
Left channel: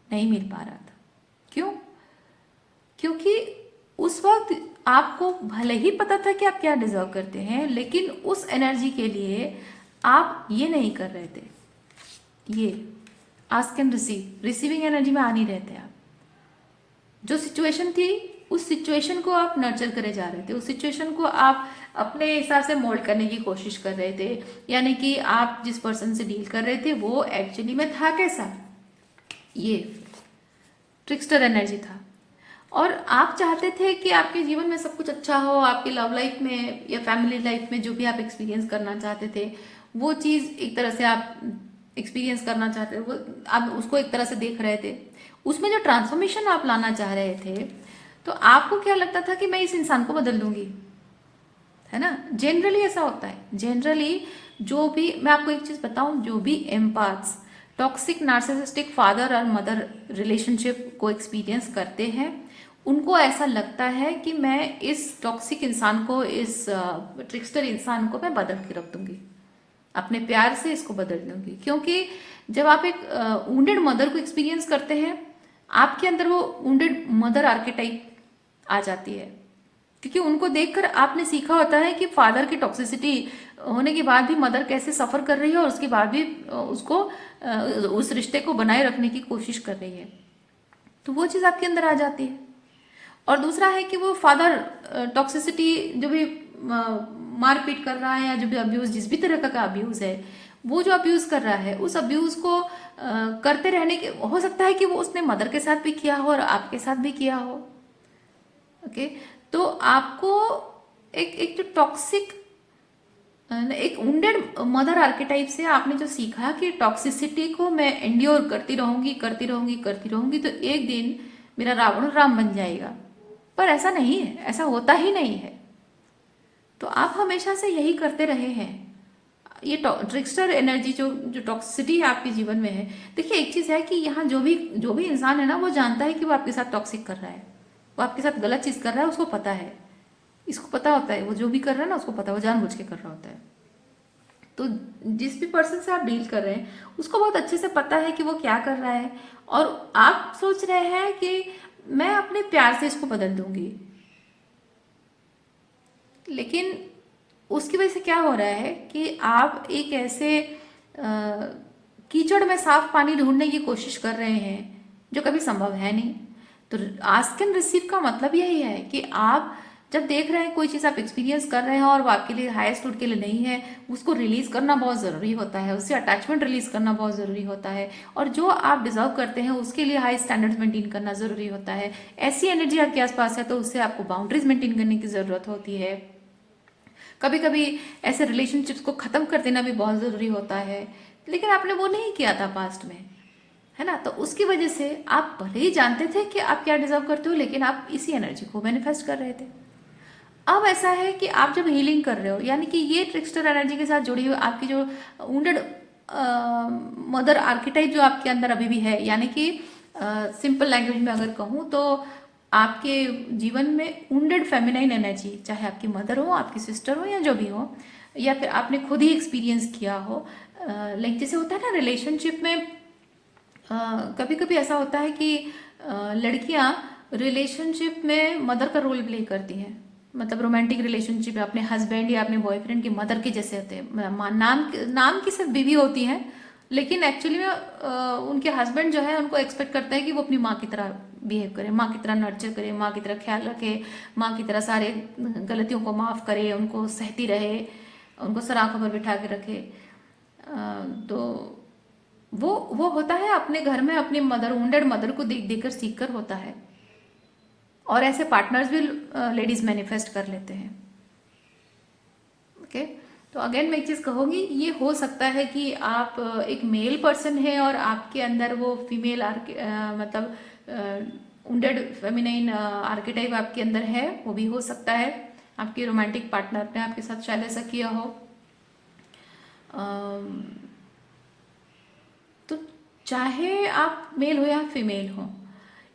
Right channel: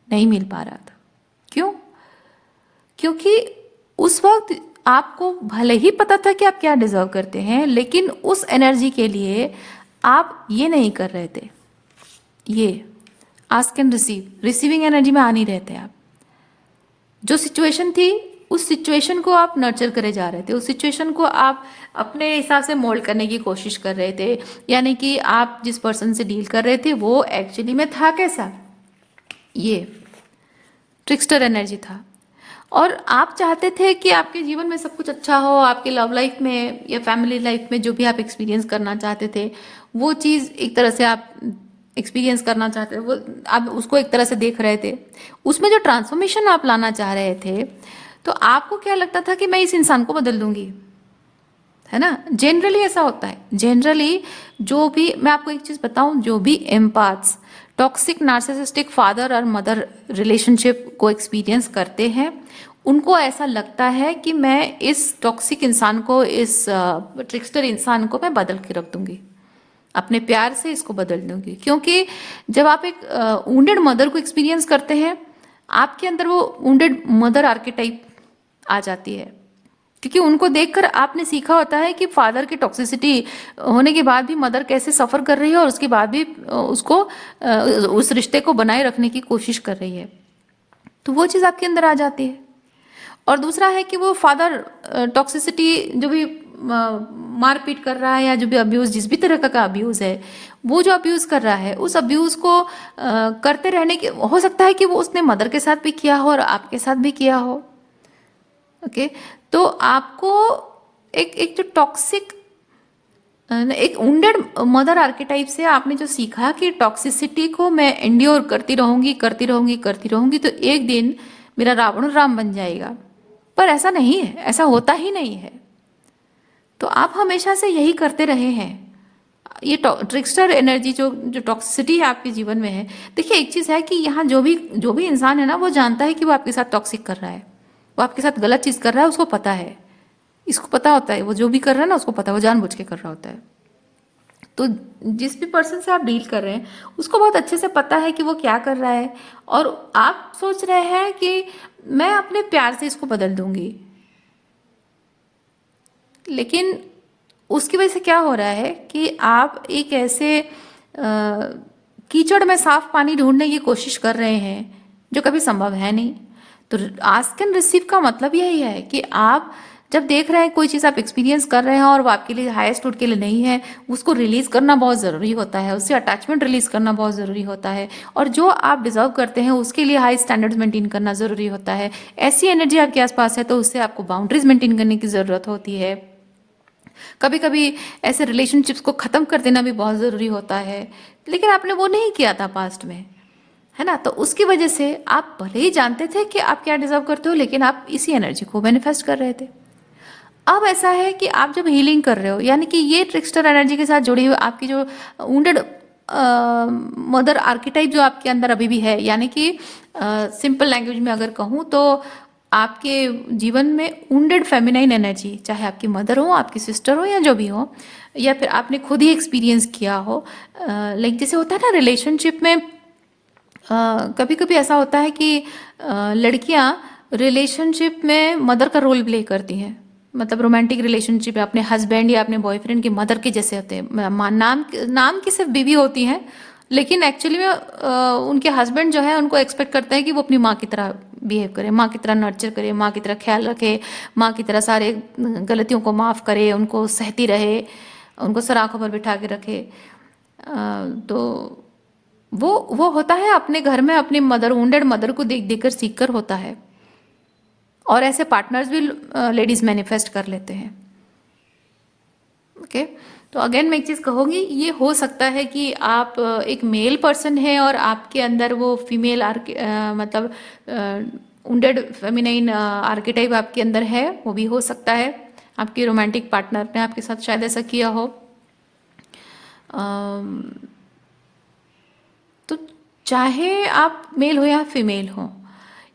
नहीं मिल पा रहा था। क्यों? क्योंकि उस वक्त आपको भले ही पता था कि आप क्या डिजर्व करते हैं, लेकिन उस एनर्जी के लिए आप ये नहीं कर रहे थे, ये आस्क एंड रिसीविंग एनर्जी में आ नहीं रहे थे आप। जो सिचुएशन थी, उस सिचुएशन को आप नर्चर करे जा रहे थे, उस सिचुएशन को आप अपने हिसाब से मोल्ड करने की कोशिश कर रहे थे, यानी कि आप जिस पर्सन से डील कर रहे थे वो एक्चुअली में था कैसा, ये ट्रिक्स्टर एनर्जी था। और आप चाहते थे कि आपके जीवन में सब कुछ अच्छा हो, आपके लव लाइफ में या फैमिली लाइफ में जो भी आप एक्सपीरियंस करना चाहते थे, वो चीज़ एक तरह से आप एक्सपीरियंस करना चाहते थे, वो आप उसको एक तरह से देख रहे थे। उसमें जो ट्रांसफॉर्मेशन आप लाना चाह रहे थे, तो आपको क्या लगता था कि मैं इस इंसान को बदल दूंगी, है ना। जनरली ऐसा होता है, जनरली जो भी, मैं आपको एक चीज़ बताऊं, जो भी एम्पाथ्स टॉक्सिक नार्सिसिस्टिक फादर और मदर रिलेशनशिप को एक्सपीरियंस करते हैं, उनको ऐसा लगता है कि मैं इस टॉक्सिक इंसान को, इस ट्रिक्स्टर इंसान को मैं बदल के रख दूंगी, अपने प्यार से इसको बदल दूंगी। क्योंकि जब आप एक वुंडेड मदर को एक्सपीरियंस करते हैं, आपके अंदर वो वुंडेड मदर आर्केटाइप आ जाती है, क्योंकि उनको देखकर आपने सीखा होता है कि फादर की टॉक्सिसिटी होने के बाद भी मदर कैसे सफ़र कर रही है, और उसके बाद भी उसको उस रिश्ते को बनाए रखने की कोशिश कर रही है, तो वो चीज़ आपके अंदर आ जाती है। और दूसरा है कि वो फादर टॉक्सिसिटी, जो भी मारपीट कर रहा है या जो भी अब्यूज़, जिस भी तरह का अब्यूज़ है, वो जो अब्यूज़ कर रहा है, उस अब्यूज़ को करते रहने के, हो सकता है कि वो उसने मदर के साथ भी किया हो और आपके साथ भी किया हो। ओके, तो आपको एक एक जो टॉक्सिक, एक वुंडेड मदर आर्केटाइप से आपने जो सीखा कि टॉक्सिसिटी को मैं एंड्योर करती रहूंगी करती रहूंगी करती रहूंगी, तो एक दिन मेरा रावण राम बन जाएगा। पर ऐसा नहीं है, ऐसा होता ही नहीं है। तो आप हमेशा से यही करते रहे हैं। ये ट्रिक्स्टर एनर्जी, जो टॉक्सिसिटी है आपके जीवन में है, देखिए एक चीज़ है कि यहाँ जो भी इंसान है ना, वो जानता है कि वो आपके साथ टॉक्सिक कर रहा है, वो आपके साथ गलत चीज़ कर रहा है, उसको पता है, इसको पता होता है, वो जो भी कर रहा है ना उसको पता है, वो जानबूझ के कर रहा होता है। तो जिस भी पर्सन से आप डील कर रहे हैं, उसको बहुत अच्छे से पता है कि वो क्या कर रहा है, और आप सोच रहे हैं कि मैं अपने प्यार से इसको बदल दूंगी, लेकिन उसकी वजह से क्या हो रहा है कि आप एक ऐसे कीचड़ में साफ पानी ढूंढने की कोशिश कर रहे हैं जो कभी संभव है नहीं। तो आस्क एंड रिसीव का मतलब यही है कि आप जब देख रहे हैं कोई चीज़ आप एक्सपीरियंस कर रहे हैं और वो आपके लिए हाईएस्ट गुड के लिए नहीं है, उसको रिलीज करना बहुत ज़रूरी होता है, उससे अटैचमेंट रिलीज करना बहुत ज़रूरी होता है, और जो आप डिजर्व करते हैं उसके लिए हाई स्टैंडर्ड्स मेंटेन करना ज़रूरी होता है। ऐसी एनर्जी आपके आसपास है तो उससे आपको बाउंड्रीज मेंटेन करने की ज़रूरत होती है। कभी कभी ऐसे रिलेशनशिप्स को ख़त्म कर देना भी बहुत ज़रूरी होता है, लेकिन आपने वो नहीं किया था पास्ट में, है ना। तो उसकी वजह से आप भले ही जानते थे कि आप क्या डिजर्व करते हो, लेकिन आप इसी एनर्जी को मैनिफेस्ट कर रहे थे। अब ऐसा है कि आप जब हीलिंग कर रहे हो, यानी कि ये ट्रिक्स्टर एनर्जी के साथ जुड़ी हुई आपकी जो वुंडेड मदर आर्किटाइप जो आपके अंदर अभी भी है, यानी कि सिंपल लैंग्वेज में अगर कहूँ तो आपके जीवन में वुंडेड फेमिनाइन एनर्जी, चाहे आपकी मदर हो, आपकी सिस्टर हो, या जो भी हो, या फिर आपने खुद ही एक्सपीरियंस किया हो, लाइक जैसे होता है ना रिलेशनशिप में, कभी कभी ऐसा होता है कि लड़कियां रिलेशनशिप में मदर का रोल प्ले करती हैं, मतलब रोमांटिक रिलेशनशिप है, अपने हस्बैंड या अपने बॉयफ्रेंड की मदर के जैसे होते हैं, नाम की सिर्फ बीवी होती हैं, लेकिन एक्चुअली में उनके हस्बैंड जो है उनको एक्सपेक्ट करते हैं कि वो अपनी माँ की तरह बिहेव करे, माँ की तरह नर्चर करे, माँ की तरह ख्याल रखे, माँ की तरह सारे गलतियों को माफ़ करे, उनको सहती रहे, उनको सर आंखों पर बिठा के रखे। तो वो होता है अपने घर में अपनी मदर, वुंडेड मदर को देख देख कर सीख कर होता है। और ऐसे पार्टनर्स भी लेडीज मैनिफेस्ट कर लेते हैं। ओके, तो अगेन मैं एक चीज़ कहूँगी, ये हो सकता है कि आप एक मेल पर्सन है और आपके अंदर वो फीमेल मतलब वुंडेड फेमिनाइन आर्किटाइप आपके अंदर है, वो भी हो सकता है। आपके रोमांटिक पार्टनर ने आपके साथ शायद ऐसा किया हो। अम, तो चाहे आप मेल हो या फीमेल हो,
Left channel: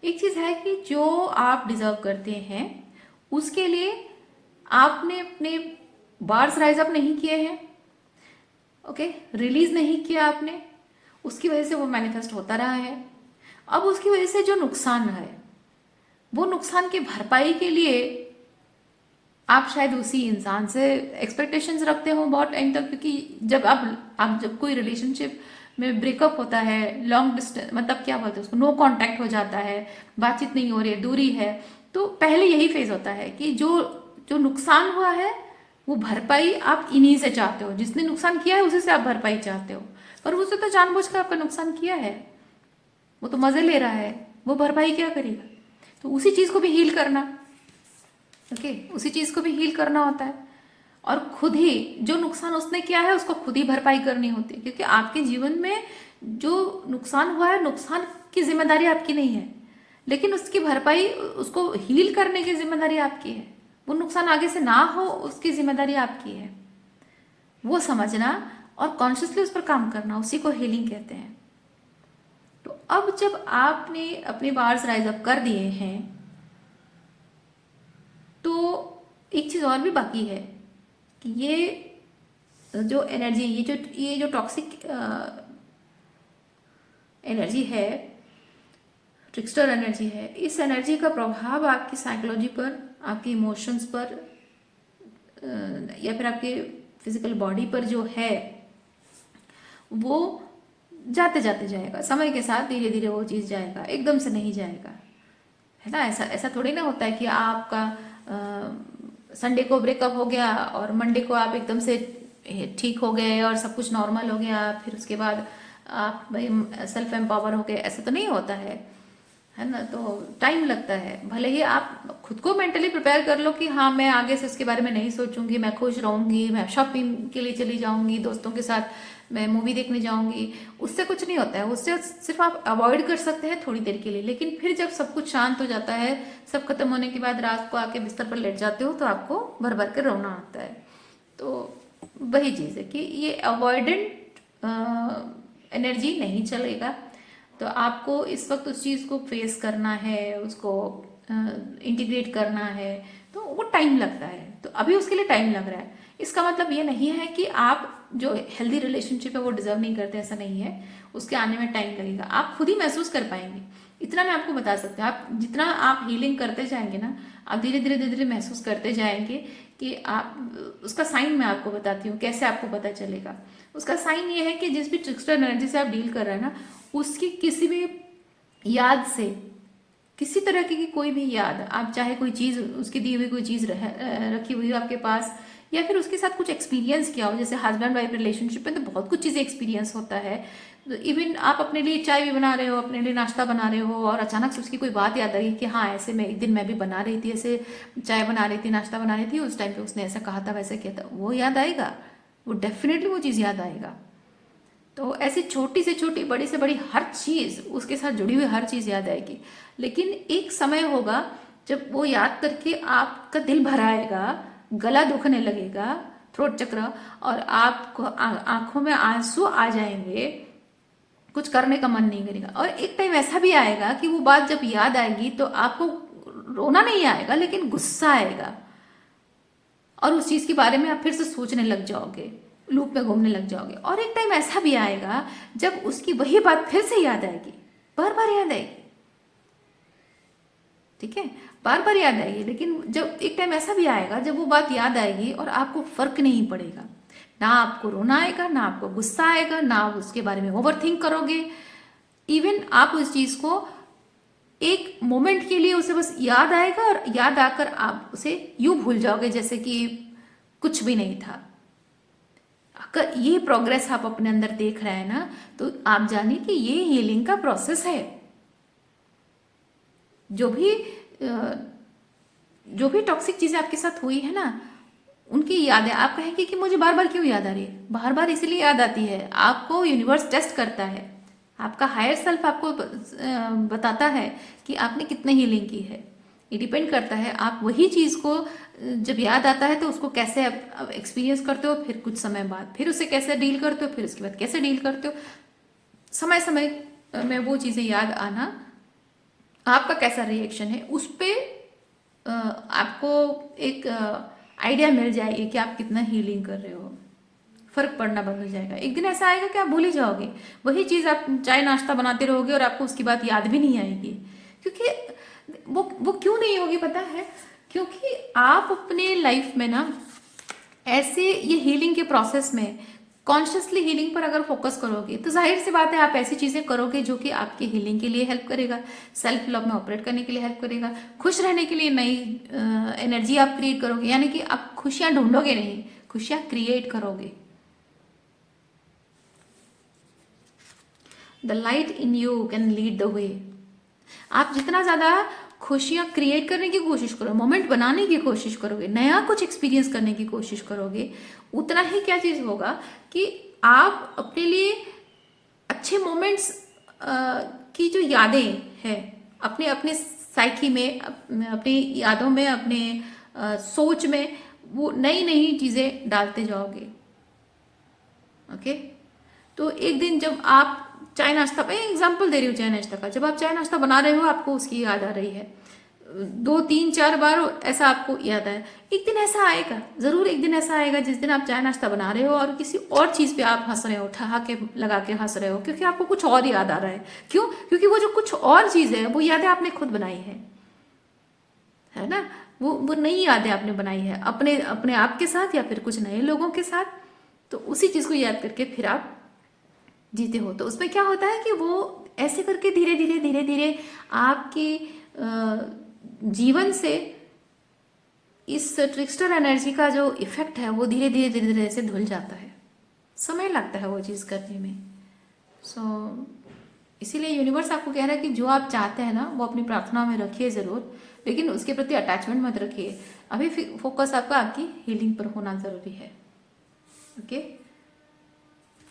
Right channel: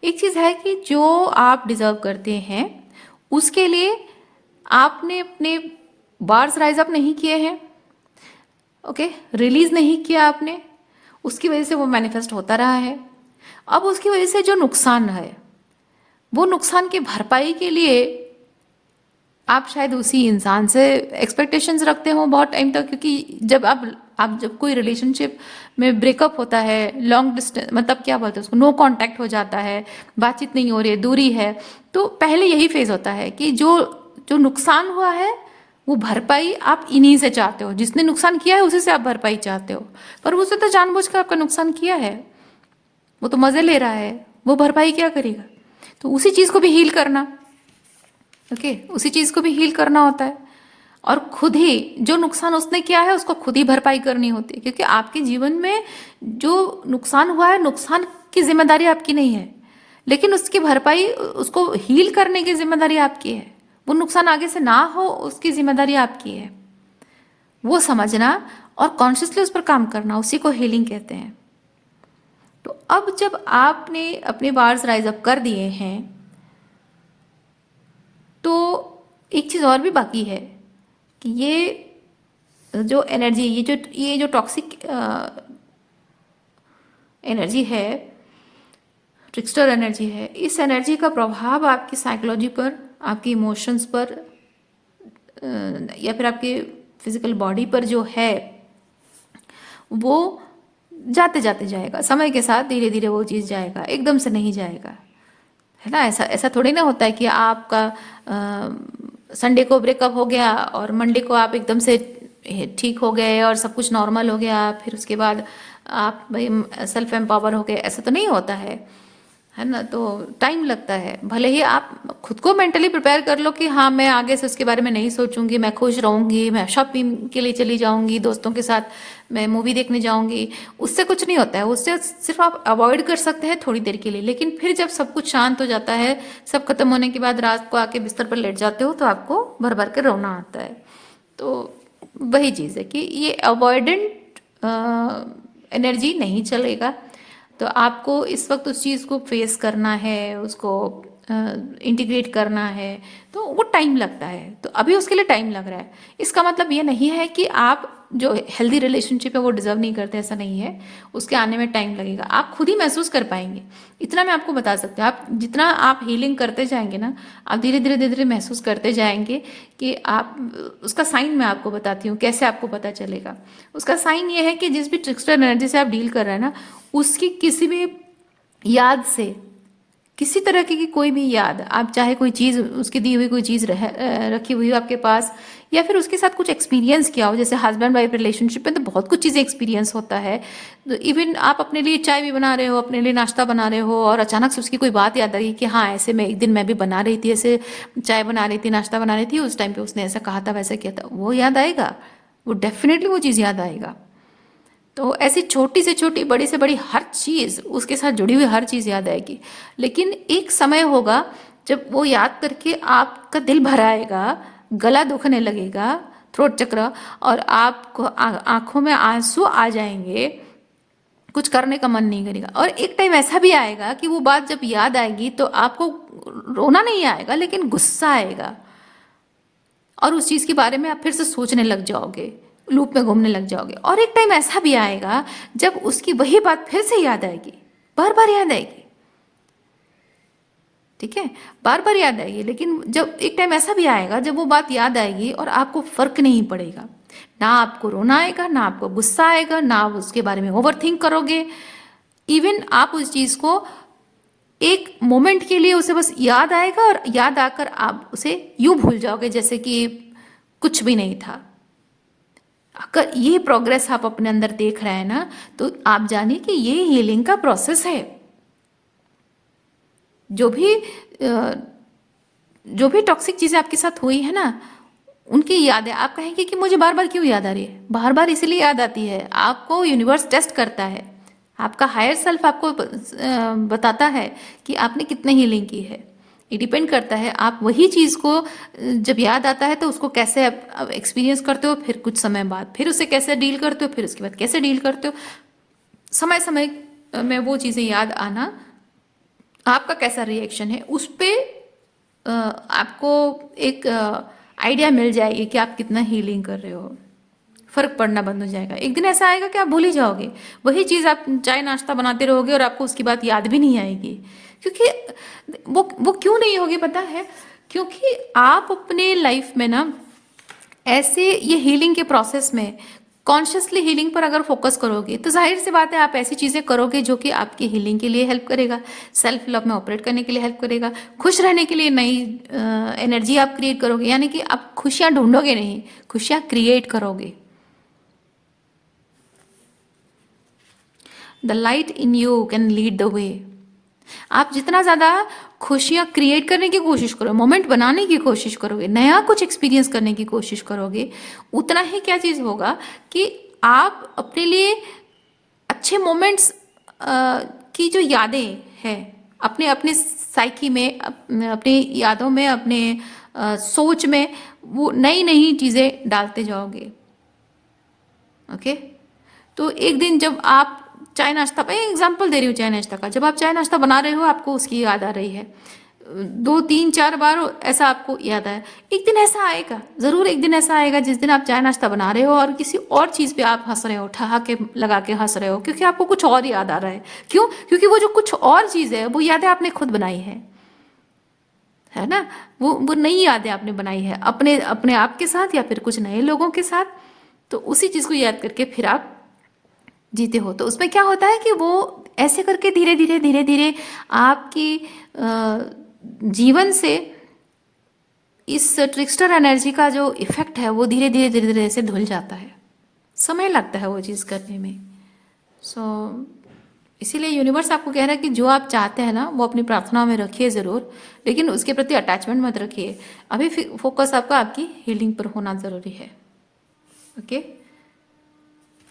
एक चीज़ है कि जो आप डिजर्व करते हैं उसके लिए आपने अपने बार्स राइज अप नहीं किए हैं, ओके, रिलीज नहीं किया आपने, उसकी वजह से वो मैनिफेस्ट होता रहा है। अब उसकी वजह से जो नुकसान है, वो नुकसान की भरपाई के लिए आप शायद उसी इंसान से एक्सपेक्टेशंस रखते हो बहुत टाइम तक, क्योंकि जब आप जब कोई रिलेशनशिप में ब्रेकअप होता है, लॉन्ग डिस्टेंस मतलब क्या बोलते हैं उसको, नो कांटेक्ट हो जाता है, बातचीत नहीं हो रही है, दूरी है, तो पहले यही फेज होता है कि जो जो नुकसान हुआ है वो भरपाई आप इन्हीं से चाहते हो, जिसने नुकसान किया है उसी से आप भरपाई चाहते हो, पर उसने तो जानबूझकर आपका नुकसान किया है, वो तो मजे ले रहा है, वो भरपाई क्या करेगा। तो उसी चीज को भी हील करना, ओके, उसी चीज को भी हील करना होता है, और खुद ही जो नुकसान उसने किया है उसको खुद ही भरपाई करनी होती है, क्योंकि आपके जीवन में जो नुकसान हुआ है, नुकसान की जिम्मेदारी आपकी नहीं है, लेकिन उसकी भरपाई, उसको हील करने की जिम्मेदारी आपकी है। वो नुकसान आगे से ना हो उसकी जिम्मेदारी आपकी है, वो समझना और कॉन्शियसली उस पर काम करना, उसी को हीलिंग कहते हैं। तो अब जब आपने अपने बार्स राइज अप कर दिए हैं, तो एक चीज़ और भी बाकी है कि ये जो एनर्जी, ये जो टॉक्सिक एनर्जी है, ट्रिक्स्टर एनर्जी है, इस एनर्जी का प्रभाव आपकी साइकोलॉजी पर, आपकी इमोशंस पर, या फिर आपके फिजिकल बॉडी पर जो है, वो जाते जाते जाएगा, समय के साथ धीरे धीरे वो चीज़ जाएगा, एकदम से नहीं जाएगा, है ना। ऐसा ऐसा थोड़ी ना होता है कि आपका संडे को ब्रेकअप हो गया और मंडे को आप एकदम से ठीक हो गए और सब कुछ नॉर्मल हो गया, फिर उसके बाद आप सेल्फ एम्पावर हो गए, ऐसा तो नहीं होता है ना। तो टाइम लगता है, भले ही आप खुद को मेंटली प्रिपेयर कर लो कि हाँ मैं आगे से उसके बारे में नहीं सोचूंगी, मैं खुश रहूंगी, मैं शॉपिंग के लिए चली जाऊंगी, दोस्तों के साथ मैं मूवी देखने जाऊंगी, उससे कुछ नहीं होता है, उससे सिर्फ आप अवॉइड कर सकते हैं थोड़ी देर के लिए, लेकिन फिर जब सब कुछ शांत हो जाता है, सब खत्म होने के बाद रात को आके बिस्तर पर लेट जाते हो तो आपको भर भर के रोना आता है। तो वही चीज़ है कि ये अवॉइडेंट एनर्जी नहीं चलेगा, तो आपको इस वक्त उस चीज़ को फेस करना है, उसको इंटीग्रेट करना है, तो वो टाइम लगता है। तो अभी उसके लिए टाइम लग रहा है, इसका मतलब ये नहीं है कि आप जो हेल्दी रिलेशनशिप है वो डिजर्व नहीं करते, ऐसा नहीं है, उसके आने में टाइम लगेगा, आप खुद ही महसूस कर पाएंगे, इतना मैं आपको बता सकती हूँ। आप जितना आप हीलिंग करते जाएंगे ना, आप धीरे धीरे धीरे धीरे महसूस करते जाएंगे कि आप, उसका साइन मैं आपको बताती हूँ कैसे आपको पता चलेगा। उसका साइन ये है कि जिस भी ट्रिक्स्टर एनर्जी से आप डील कर रहे हैं ना, उसकी किसी भी याद से, किसी तरह की कोई भी याद, आप चाहे कोई चीज़, उसकी दी हुई कोई चीज़ रखी हुई हो आपके पास, या फिर उसके साथ कुछ एक्सपीरियंस किया हो, जैसे हस्बैंड वाइफ रिलेशनशिप में तो बहुत कुछ चीज़ें एक्सपीरियंस होता है, तो इवन आप अपने लिए चाय भी बना रहे हो, अपने लिए नाश्ता बना रहे हो, और अचानक से उसकी कोई बात याद आई कि हाँ ऐसे मैं एक दिन मैं भी बना रही थी, ऐसे चाय बना रही थी, नाश्ता बना रही थी, उस टाइम पे उसने ऐसा कहा था, वैसा किया था, वो याद आएगा, वो डेफिनेटली वो चीज़ याद आएगा। तो ऐसी छोटी से छोटी, बड़ी से बड़ी हर चीज़, उसके साथ जुड़ी हुई हर चीज़ याद आएगी, लेकिन एक समय होगा जब वो याद करके आपका दिल भर आएगा, गला दुखने लगेगा, थ्रोट चक्र, और आपको आंखों में आंसू आ जाएंगे, कुछ करने का मन नहीं करेगा। और एक टाइम ऐसा भी आएगा कि वो बात जब याद आएगी तो आपको रोना नहीं आएगा लेकिन गुस्सा आएगा, और उस चीज़ के बारे में आप फिर से सोचने लग जाओगे, लूप में घूमने लग जाओगे। और एक टाइम ऐसा भी आएगा जब उसकी वही बात फिर से याद आएगी, बार बार याद आएगी, ठीक है, बार बार याद आएगी। लेकिन जब एक टाइम ऐसा भी आएगा जब वो बात याद आएगी और आपको फर्क नहीं पड़ेगा, ना आपको रोना आएगा, ना आपको गुस्सा आएगा, ना आप उसके बारे में ओवर थिंक करोगे। इवन आप उस चीज़ को एक मोमेंट के लिए उसे बस याद आएगा और याद आकर आप उसे यूं भूल जाओगे जैसे कि कुछ भी नहीं था। अगर ये प्रोग्रेस आप अपने अंदर देख रहे हैं ना, तो आप जानिए कि ये हीलिंग का प्रोसेस है। जो भी जो भी टॉक्सिक चीज़ें आपके साथ हुई है ना, उनकी यादें आप कहेंगे कि मुझे बार बार क्यों याद आ रही है। बार बार इसलिए याद आती है, आपको यूनिवर्स टेस्ट करता है, आपका हायर सेल्फ आपको बताता है कि आपने कितने हीलिंग की है। ये डिपेंड करता है आप वही चीज़ को जब याद आता है तो उसको कैसे आप एक्सपीरियंस करते हो, फिर कुछ समय बाद फिर उसे कैसे डील करते हो, फिर उसके बाद कैसे डील करते हो। समय समय में वो चीज़ें याद आना, आपका कैसा रिएक्शन है उस पर आपको एक आइडिया मिल जाएगी कि आप कितना हीलिंग कर रहे हो। फर्क पड़ना बंद हो जाएगा। एक दिन ऐसा आएगा कि आप भूल ही जाओगे, वही चीज़ आप चाय नाश्ता बनाते रहोगे और आपको उसकी बात याद भी नहीं आएगी। क्योंकि वो क्यों नहीं होगी पता है, क्योंकि आप अपने लाइफ में ना ऐसे ये हीलिंग के प्रोसेस में कॉन्शियसली हीलिंग पर अगर फोकस करोगे तो जाहिर सी बात है आप ऐसी चीज़ें करोगे जो कि आपकी हीलिंग के लिए हेल्प करेगा, सेल्फ लव में ऑपरेट करने के लिए हेल्प करेगा, खुश रहने के लिए नई एनर्जी आप क्रिएट करोगे। यानी कि आप खुशियाँ ढूंढोगे नहीं, खुशियाँ क्रिएट करोगे। The light in you can lead the way. आप जितना ज़्यादा खुशियाँ क्रिएट करने की कोशिश करो, मोमेंट बनाने की कोशिश करोगे, नया कुछ एक्सपीरियंस करने की कोशिश करोगे, उतना ही क्या चीज़ होगा कि आप अपने लिए अच्छे मोमेंट्स की जो यादें हैं अपने अपने साइकी में, अपने यादों में, अपने सोच में, वो नई नई चीज़ें डालते जाओगे। ओके, तो एक दिन जब आप चाय नाश्ता, मैं एग्जांपल दे रही हूँ चाय नाश्ता का, जब आप चाय नाश्ता बना रहे हो आपको उसकी याद आ रही है, 2 3 4 बार ऐसा आपको याद आया, एक दिन ऐसा आएगा, ज़रूर एक दिन ऐसा आएगा जिस दिन आप चाय नाश्ता बना रहे हो और किसी और चीज़ पे आप हंस रहे हो, ठहाके लगा के हंस रहे हो, क्योंकि आपको कुछ और याद आ रहा है। क्यों? क्योंकि वो जो कुछ और चीज़ है वो यादें आपने खुद बनाई है ना, वो नई यादें आपने बनाई है अपने अपने आप के साथ या फिर कुछ नए लोगों के साथ। तो उसी चीज़ को याद करके फिर आप जीते हो। तो उसमें क्या होता है कि वो ऐसे करके धीरे धीरे धीरे धीरे आपकी जीवन से इस ट्रिक्स्टर एनर्जी का जो इफेक्ट है वो धीरे धीरे धीरे धीरे से धुल जाता है। समय लगता है वो चीज़ करने में। सो इसीलिए यूनिवर्स आपको कह रहा है कि जो आप चाहते हैं ना वो अपनी प्रार्थनाओं में रखिए ज़रूर, लेकिन उसके प्रति अटैचमेंट मत रखिए। अभी फोकस आपका आपकी हीलिंग पर होना ज़रूरी है। ओके,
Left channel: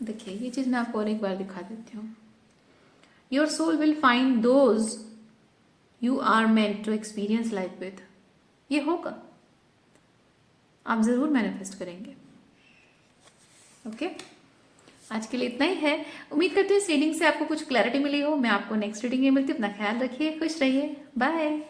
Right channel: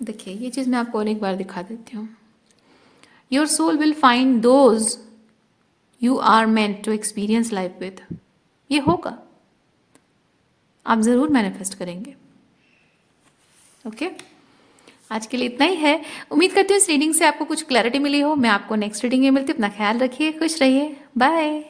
देखिए ये चीज़ मैं आपको और एक बार दिखा देती हूँ। Your soul will find those you are meant to experience life with. ये होगा, आप ज़रूर मैनिफेस्ट करेंगे। ओके, आज के लिए इतना ही है। उम्मीद करती हूँ इस रीडिंग से आपको कुछ क्लैरिटी मिली हो। मैं आपको नेक्स्ट रीडिंग में मिलती हूँ। अपना ख्याल रखिए, खुश रहिए, बाय।